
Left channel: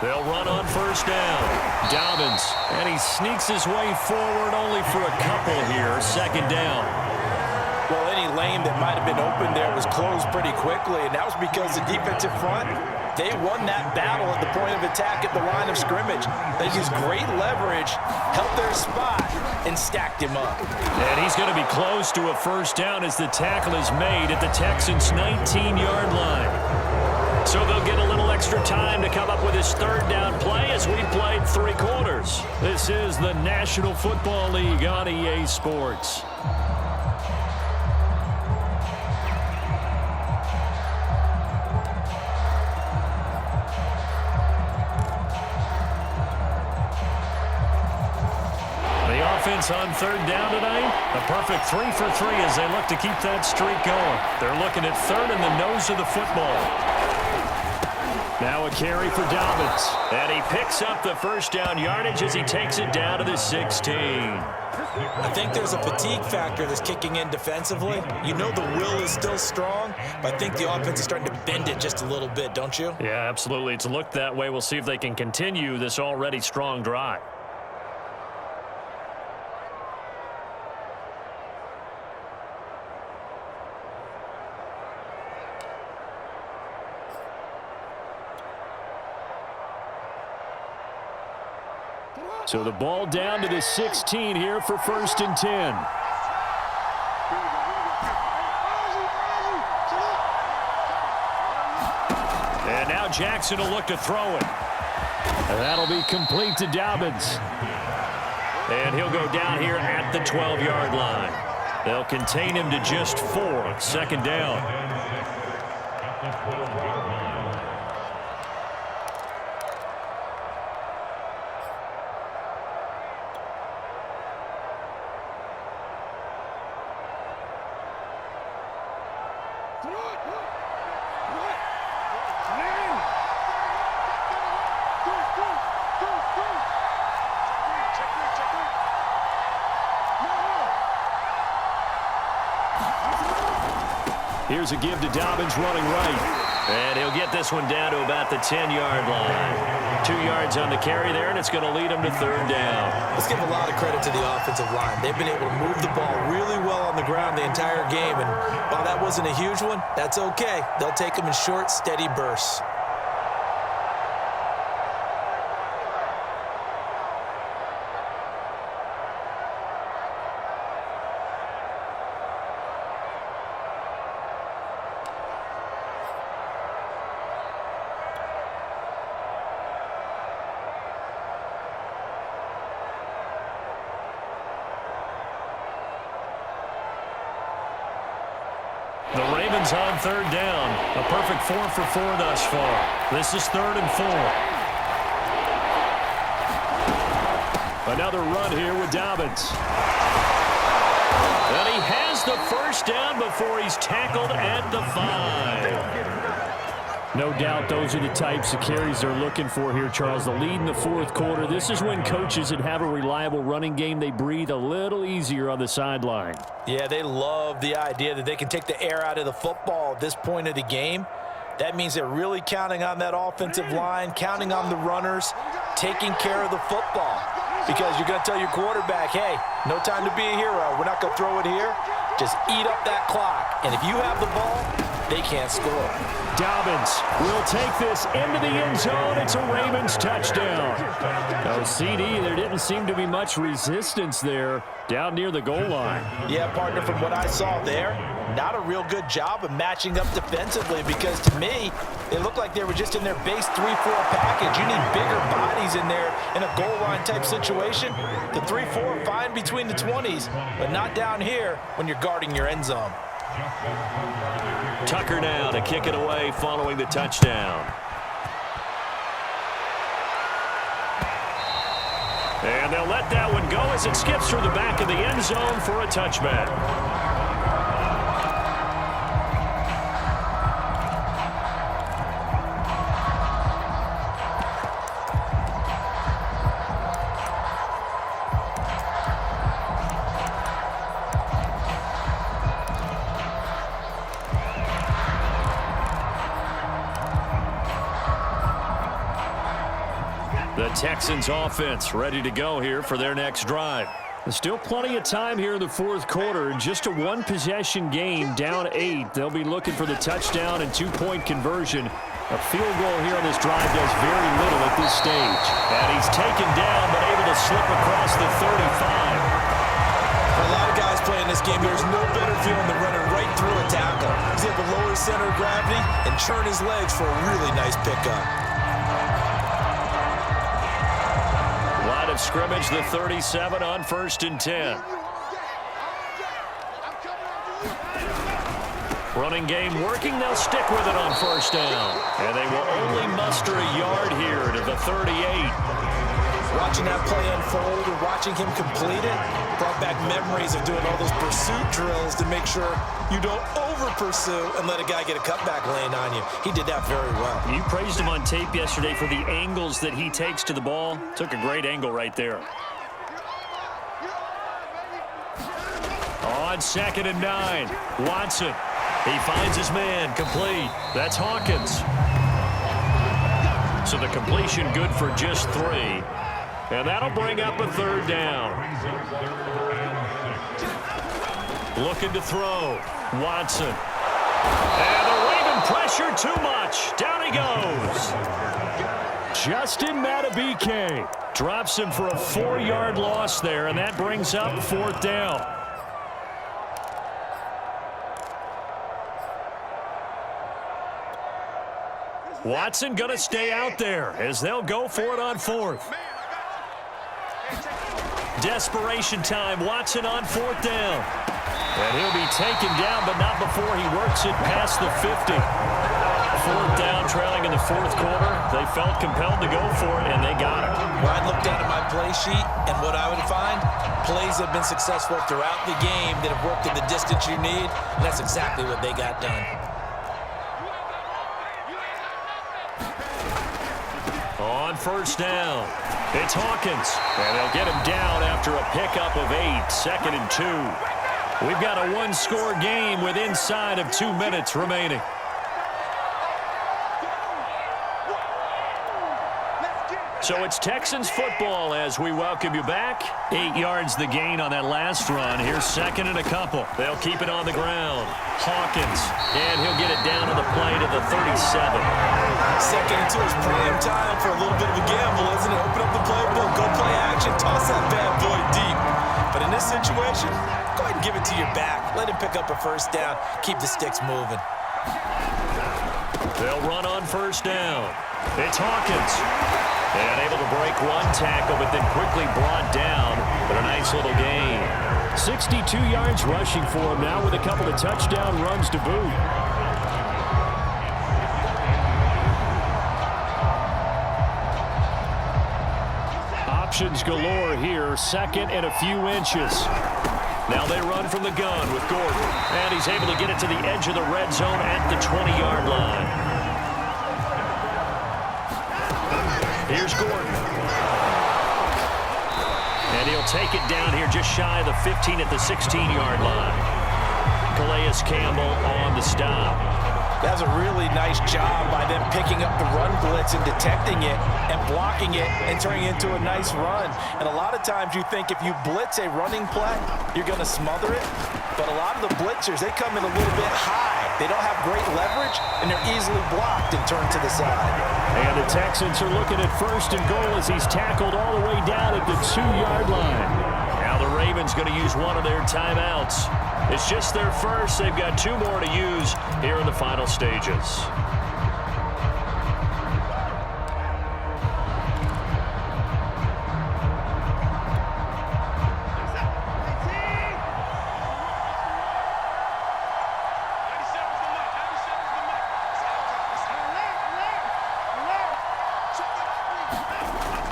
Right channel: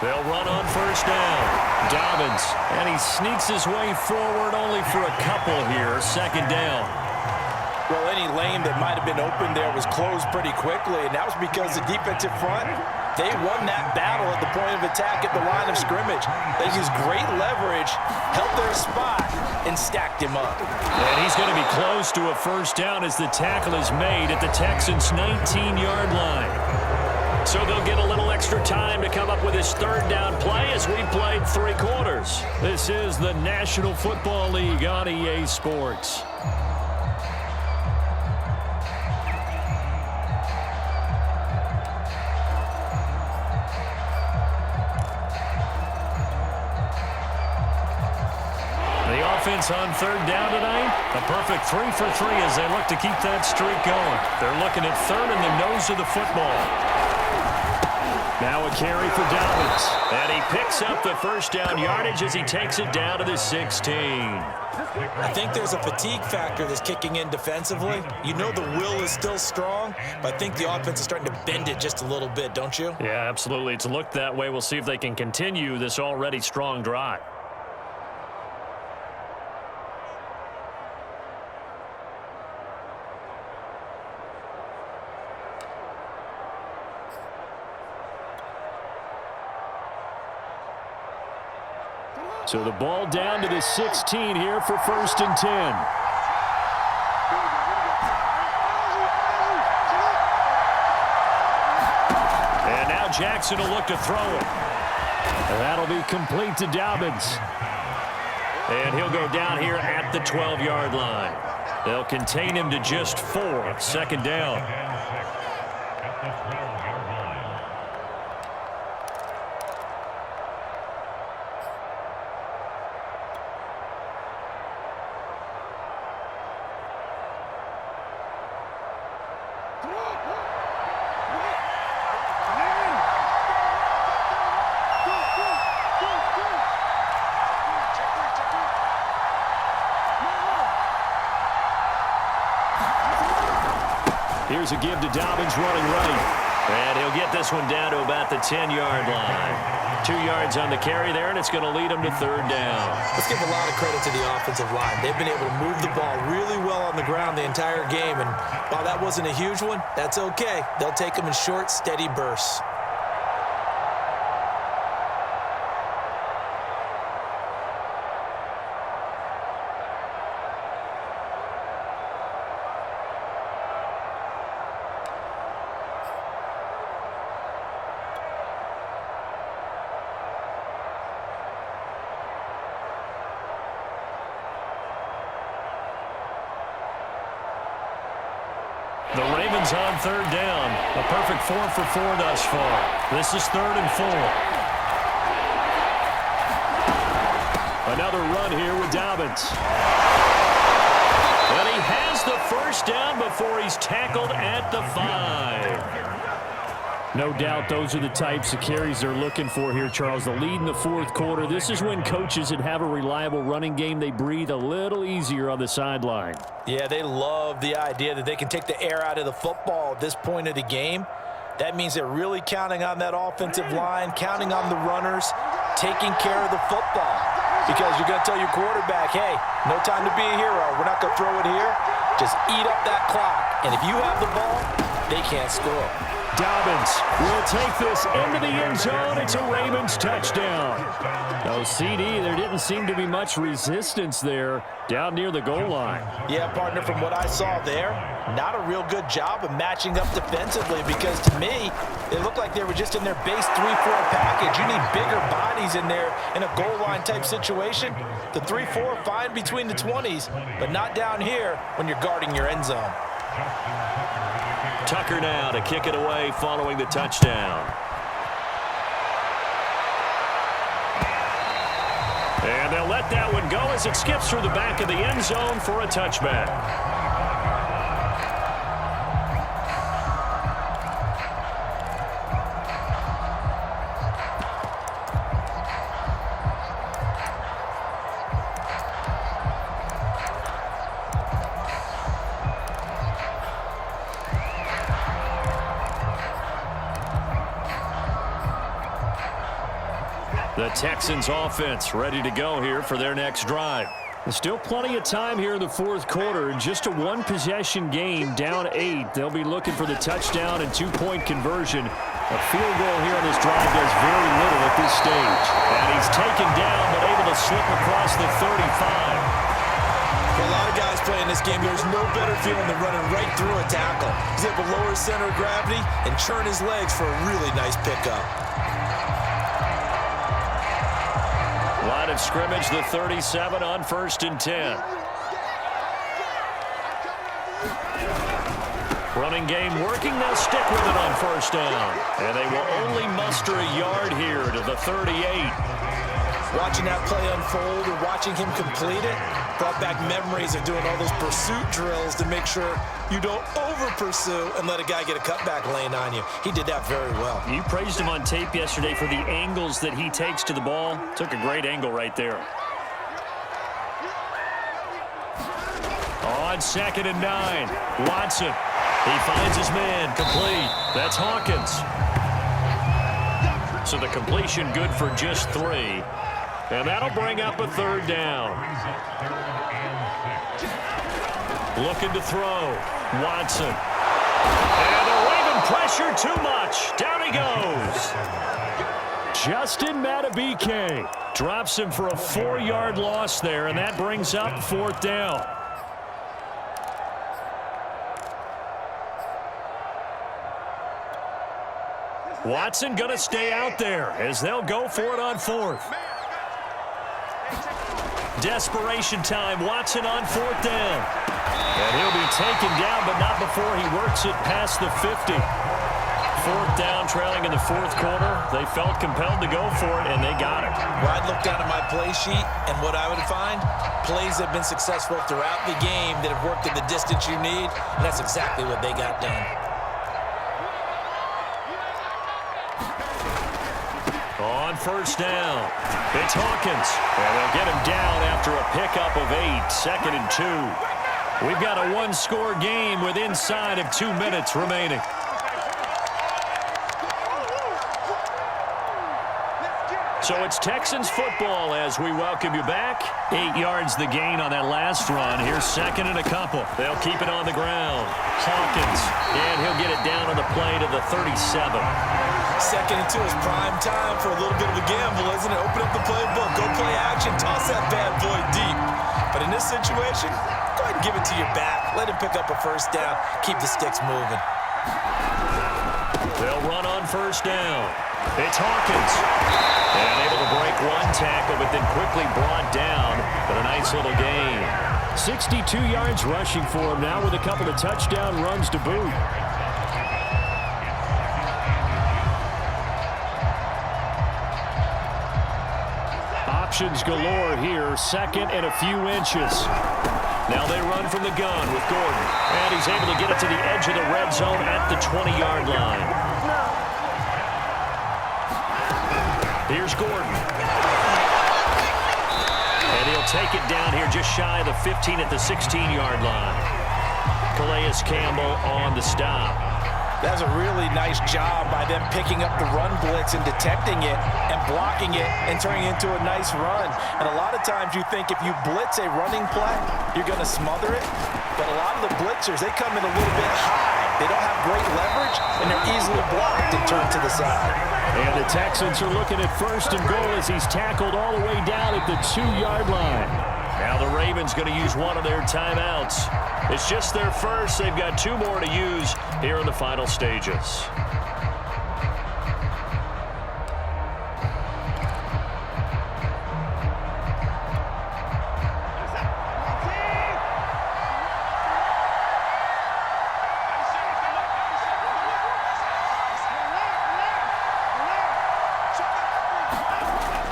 They'll run on 1st down. Dobbins. And he sneaks his way forward only for a couple here. 2nd down. Well, any lane that might have been open there was closed pretty quickly, and that was because the defensive front, they won that battle at the point of attack at the line of scrimmage. They used great leverage, held their spot, and stacked him up. And he's going to be close to a 1st down as the tackle is made at the Texans' 19-yard line. So they'll get a little extra time to come up with his 3rd down play as we've played 3 quarters. This is the National Football League on EA Sports. The offense on 3rd down tonight, a perfect 3 for 3 as they look to keep that streak going. They're looking at 3rd in the nose of the football. Now a carry for Dobbins. And he picks up the 1st down yardage as he takes it down to the 16. I think there's a fatigue factor that's kicking in defensively. You know the will is still strong, but I think the offense is starting to bend it just a little bit, don't you? Yeah, absolutely. It's looked that way. We'll see if they can continue this already strong drive. So the ball down to the 16 here for 1st and 10. And now Jackson will look to throw it. And that'll be complete to Dobbins. And he'll go down here at the 12-yard line. They'll contain him to just 4. 2nd down. Here's a give to Dobbins running right. And he'll get this one down to about the 10-yard line. 2 yards on the carry there, and it's going to lead him to 3rd down. Let's give a lot of credit to the offensive line. They've been able to move the ball really well on the ground the entire game. And while that wasn't a huge one, that's okay. They'll take them in short, steady bursts. The Ravens on 3rd down. A perfect 4 for 4 thus far. This is 3rd and 4. Another run here with Dobbins. And he has the 1st down before he's tackled at the 5. No doubt those are the types of carries they're looking for here, Charles. The lead in the 4th quarter. This is when coaches that have a reliable running game, they breathe a little easier on the sideline. Yeah, they love the idea that they can take the air out of the football at this point of the game. That means they're really counting on that offensive line, counting on the runners, taking care of the football. Because you're going to tell your quarterback, hey, no time to be a hero. We're not going to throw it here. Just eat up that clock. And if you have the ball, they can't score. Dobbins will take this into the end zone. It's a Ravens touchdown. No CD. There didn't seem to be much resistance there down near the goal line. Yeah, partner, from what I saw there, not a real good job of matching up defensively because to me, it looked like they were just in their base 3-4 package. You need bigger bodies in there in a goal line type situation. The 3-4 fine between the 20s, but not down here when you're guarding your end zone. Tucker now to kick it away following the touchdown. And they'll let that one go as it skips through the back of the end zone for a touchback. The Texans offense ready to go here for their next drive. There's still plenty of time here in the 4th quarter. In just a 1-possession game, down 8. They'll be looking for the touchdown and 2-point conversion. A field goal here on this drive does very little at this stage. And he's taken down but able to slip across the 35. For a lot of guys playing this game, there's no better feeling than running right through a tackle. He's able to lower his center of gravity and churn his legs for a really nice pickup. Line of scrimmage, the 37 on 1st and 10. Running game working. They'll stick with it on 1st down. And they will only muster a yard here to the 38. Watching that play unfold or watching him complete it brought back memories of doing all those pursuit drills to make sure you don't over-pursue and let a guy get a cutback lane on you. He did that very well. You praised him on tape yesterday for the angles that he takes to the ball. Took a great angle right there. On 2nd and 9, Watson. He finds his man, complete. That's Hawkins. So the completion good for just 3. And that'll bring up a 3rd down. Looking to throw. Watson. And the Raven pressure too much. Down he goes. Justin Matabike. Drops him for a 4-yard loss there, and that brings up 4th down. Watson going to stay out there as they'll go for it on 4th. Desperation time. Watson on 4th down. And he'll be taken down, but not before he works it past the 50. 4th down, trailing in the 4th quarter. They felt compelled to go for it, and they got it. Well, I'd look down at my play sheet, and what I would find, plays have been successful throughout the game that have worked in the distance you need, and that's exactly what they got done. On 1st down, it's Hawkins, and they'll get him down after a pickup of 8, 2nd and 2. We've got a 1-score game with inside of 2 minutes remaining. So it's Texans football as we welcome you back. 8 yards the gain on that last run. Here's 2nd and a couple. They'll keep it on the ground. Hawkins, and he'll get it down on the play to the 37. 2nd and 2 is prime time for a little bit of a gamble, isn't it? Open up the playbook, go play action, toss that bad boy deep. But in this situation, go ahead and give it to your back. Let him pick up a 1st down. Keep the sticks moving. They'll run on 1st down. It's Hawkins. And able to break 1 tackle, but then quickly brought down. But a nice little gain. 62 yards rushing for him now with a couple of touchdown runs to boot. Options galore here. 2nd and a few inches. Now they run from the gun with Gordon. And he's able to get it to the edge of the red zone at the 20-yard line. Here's Gordon. And he'll take it down here just shy of the 15 at the 16-yard line. Calais Campbell on the stop. That's a really nice job by them picking up the run blitz and detecting it and blocking it and turning it into a nice run. And a lot of times you think if you blitz a running play, you're going to smother it. But a lot of the blitzers, they come in a little bit high. They don't have great leverage, and they're easily blocked and turned to the side. And the Texans are looking at 1st and goal as he's tackled all the way down at the 2-yard line. Now the Ravens going to use one of their timeouts. It's just their first. They've got 2 more to use here in the final stages.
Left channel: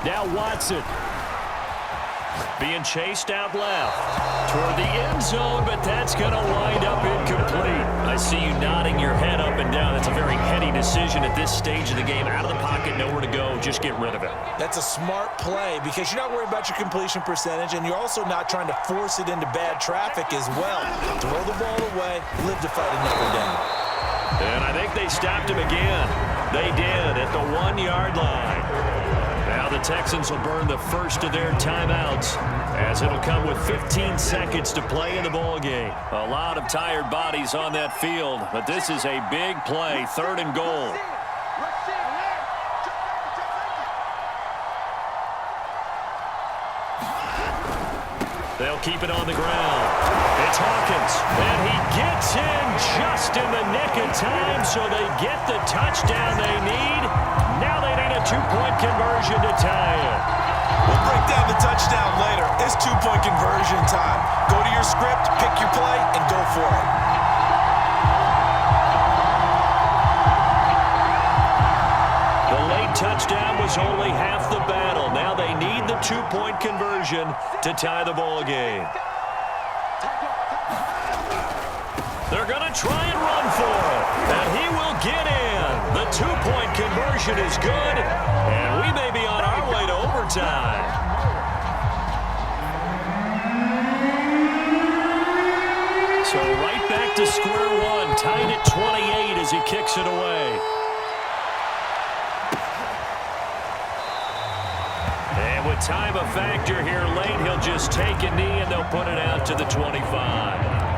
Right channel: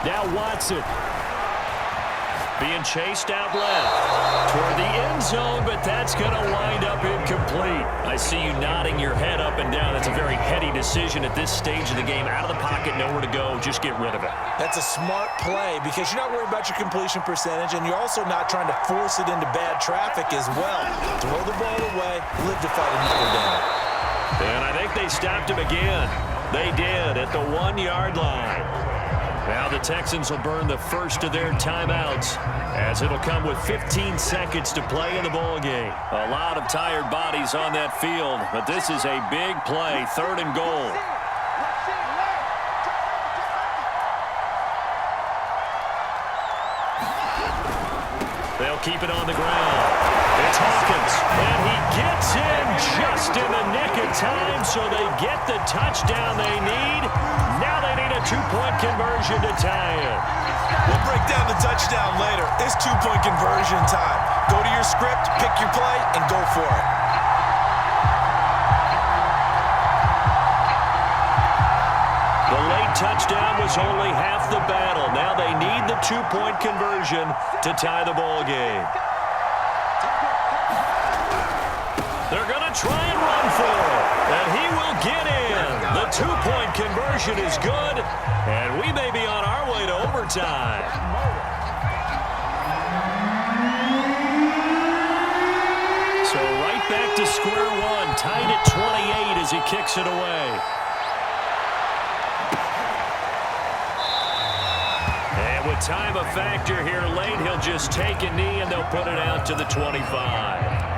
Now Watson being chased out left toward the end zone, but that's going to wind up incomplete. I see you nodding your head up and down. That's a very heady decision at this stage of the game. Out of the pocket, nowhere to go. Just get rid of it. That's a smart play because you're not worried about your completion percentage, and you're also not trying to force it into bad traffic as well. Throw the ball away, live to fight another down. And I think they stopped him again. They did at the 1-yard line. Now the Texans will burn the first of their timeouts as it'll come with 15 seconds to play in the ball game. A lot of tired bodies on that field, but this is a big play, 3rd and goal. They'll keep it on the ground. It's Hawkins, and he gets in just in the nick of time, so they get the touchdown they need. Now they need a 2-point conversion to tie it. We'll break down the touchdown later. It's 2-point conversion time. Go to your script, pick your play, and go for it. The late touchdown was only half the battle. Now they need the 2-point conversion to tie the ball game. They're going to try and run for it, and he will get in. The 2-point conversion is good, and we may be on our way to overtime. So right back to square one, tied at 28 as he kicks it away. And with time a factor here late, he'll just take a knee and they'll put it out to the 25.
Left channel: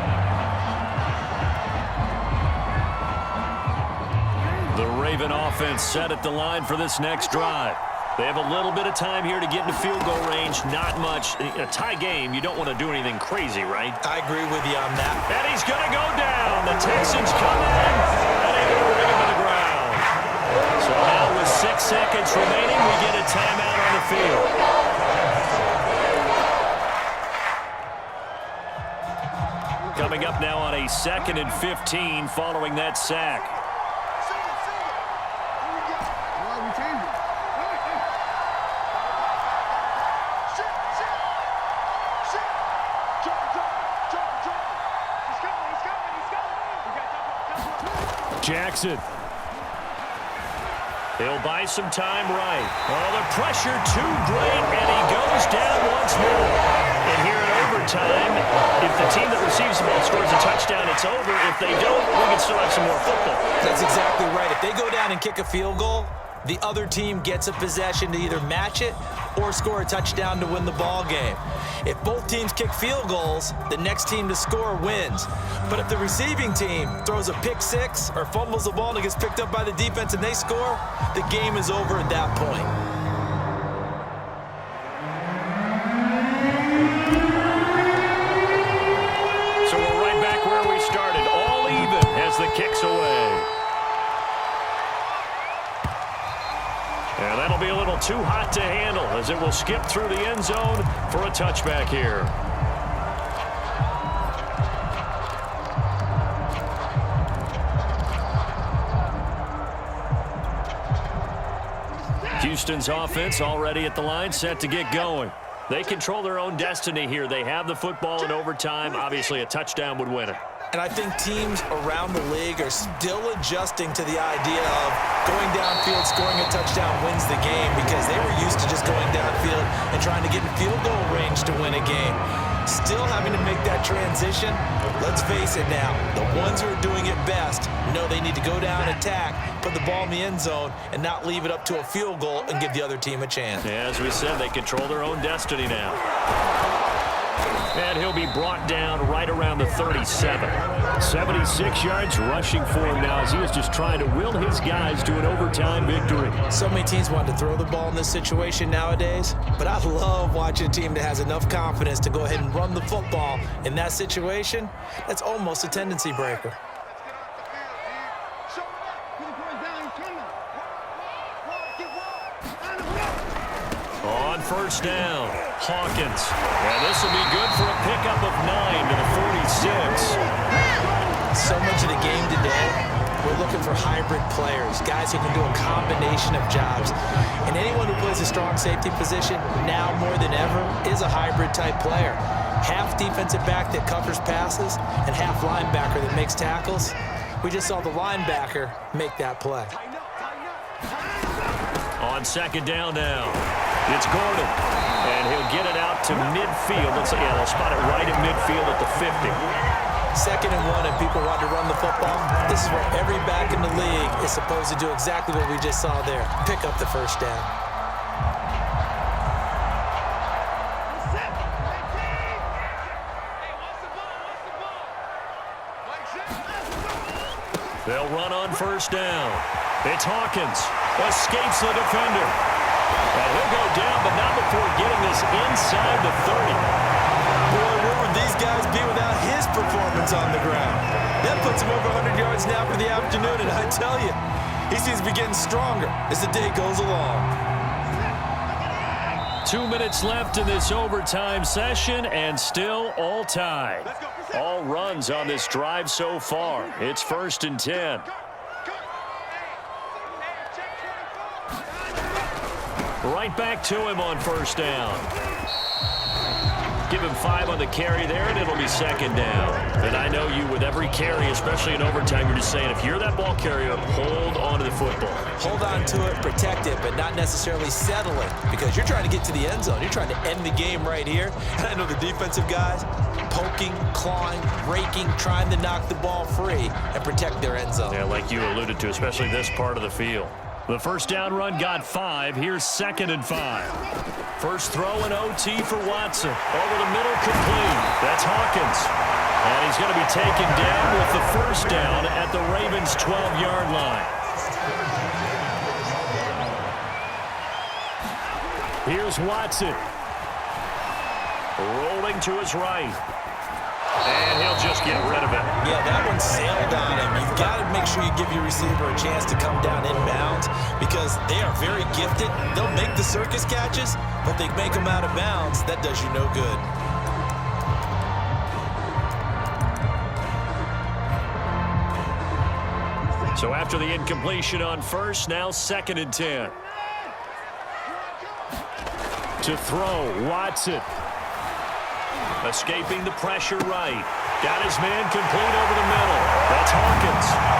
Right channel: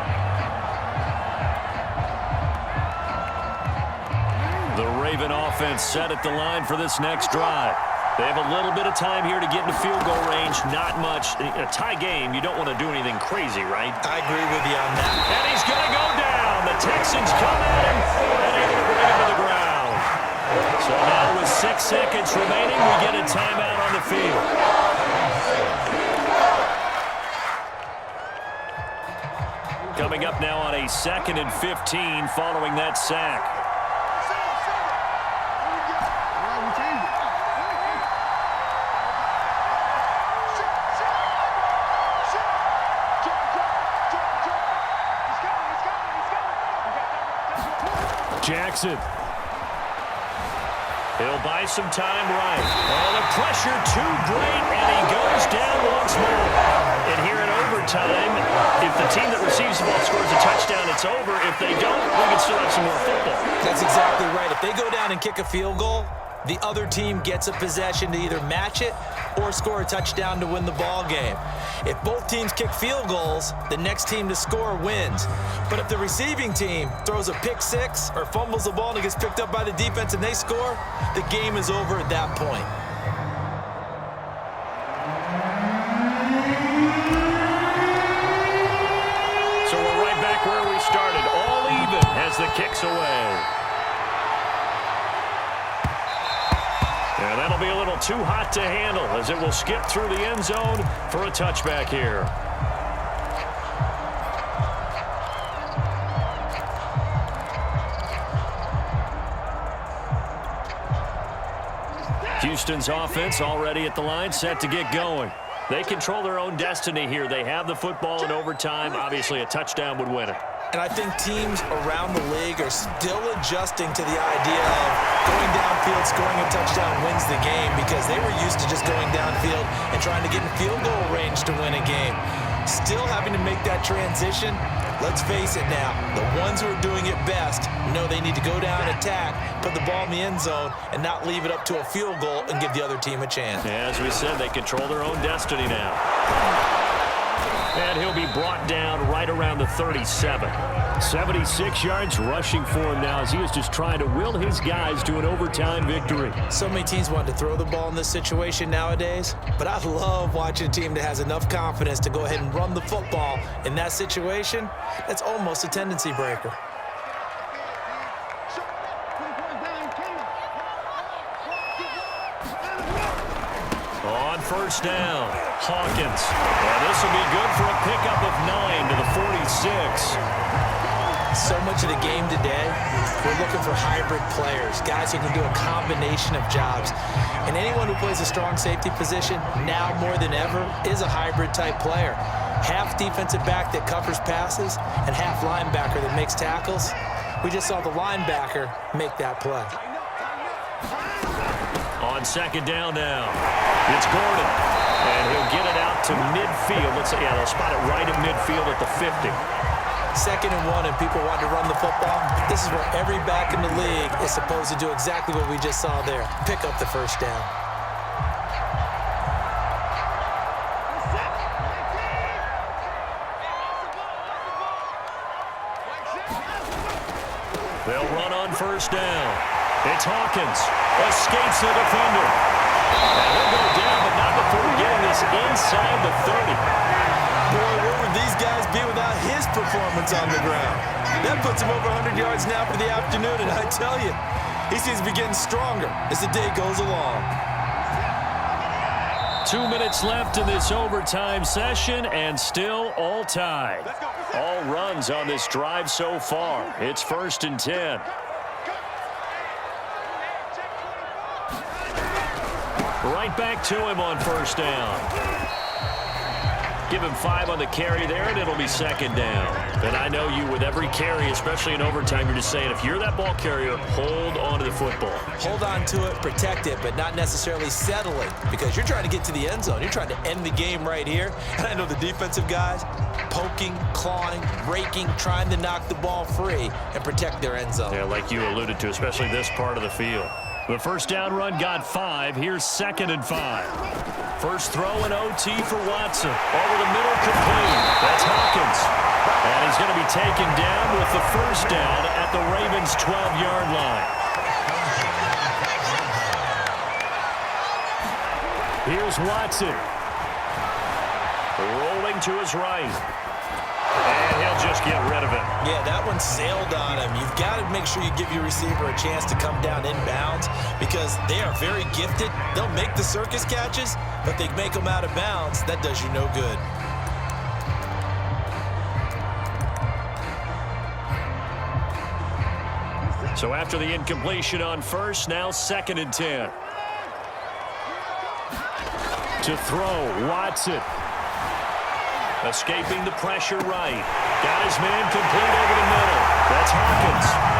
The Raven offense set at the line for this next drive. They have a little bit of time here to get into field goal range. Not much. In a tie game, you don't want to do anything crazy, right? I agree with you on that. And he's going to go down. The Texans come at him and able to bring him to the ground. So now with 6 seconds remaining, we get a timeout on the field. Coming up now on a 2nd and 15 following that sack. Jackson. He'll buy some time right. Oh, the pressure too great, and he goes down once more. And here in overtime, if the team that receives the ball scores a touchdown, it's over. If they don't, we can still have some more football. That's exactly right. If they go down and kick a field goal, the other team gets a possession to either match it or score a touchdown to win the ball game. If both teams kick field goals, the next team to score wins. But if the receiving team throws a pick six or fumbles the ball and it gets picked up by the defense and they score, the game is over at that point. So we're right back where we started, all even as the kick's away. And that'll be a little too hot to handle as it will skip through the end zone for a touchback here. Houston's offense already at the line, set to get going. They control their own destiny here. They have the football in overtime. Obviously, a touchdown would win it. And I think teams around the league are still adjusting to the idea of going downfield, scoring a touchdown wins the game, because they were used to just going downfield and trying to get in field goal range to win a game. Still having to make that transition. Let's face it now, the ones who are doing it best know they need to go down, attack, put the ball in the end zone, and not leave it up to a field goal and give the other team a chance. As we said, they control their own destiny now. And he'll be brought down right around the 37. 76 yards rushing for him now as he is just trying to will his guys to an overtime victory. So many teams want to throw the ball in this situation nowadays, but I love watching a team that has enough confidence to go ahead and run the football in that situation. That's almost a tendency breaker. On first down, Hawkins. And this will be good for a pickup of 9 to the 46. So much of the game today, we're looking for hybrid players, guys who can do a combination of jobs. And anyone who plays a strong safety position, now more than ever, is a hybrid type player. Half defensive back that covers passes and half linebacker that makes tackles. We just saw the linebacker make that play. On second down now, it's Gordon. And he'll get it out to midfield. Yeah, they'll spot it right at midfield at the 50. 2nd and 1 and people want to run the football. This is where every back in the league is supposed to do exactly what we just saw there. Pick up the first down. They'll run on first down. It's Hawkins. Escapes the defender. And he'll go down, but not before getting this inside the 30. Boy, where would these guys be without his performance on the ground? That puts him over 100 yards now for the afternoon, and I tell you, he seems to be getting stronger as the day goes along. 2 minutes left in this overtime session, and still all tied. All runs on this drive so far. It's 1st and 10. Right back to him on first down. Give him 5 on the carry there, and it'll be 2nd down. And I know you, with every carry, especially in overtime, you're just saying, if you're that ball carrier, hold on to the football. Hold on to it, protect it, but not necessarily settling, because you're trying to get to the end zone. You're trying to end the game right here. And I know the defensive guys poking, clawing, raking, trying to knock the ball free and protect their end zone. Yeah, like you alluded to, especially this part of the field. The first down run got 5. Here's 2nd and 5. First throw in OT for Watson. Over the middle, complete. That's Hawkins. And he's going to be taken down with the first down at the Ravens' 12-yard line. Here's Watson. Rolling to his right. And he'll just get rid of it. Yeah, that one sailed on him. You've got to make sure you give your receiver a chance to come down inbounds because they are very gifted. They'll make the circus catches, but they make them out of bounds. That does you no good. So after the incompletion on first, now 2nd and 10. To throw, Watson. Escaping the pressure right. Got his man complete over the middle. That's Hawkins.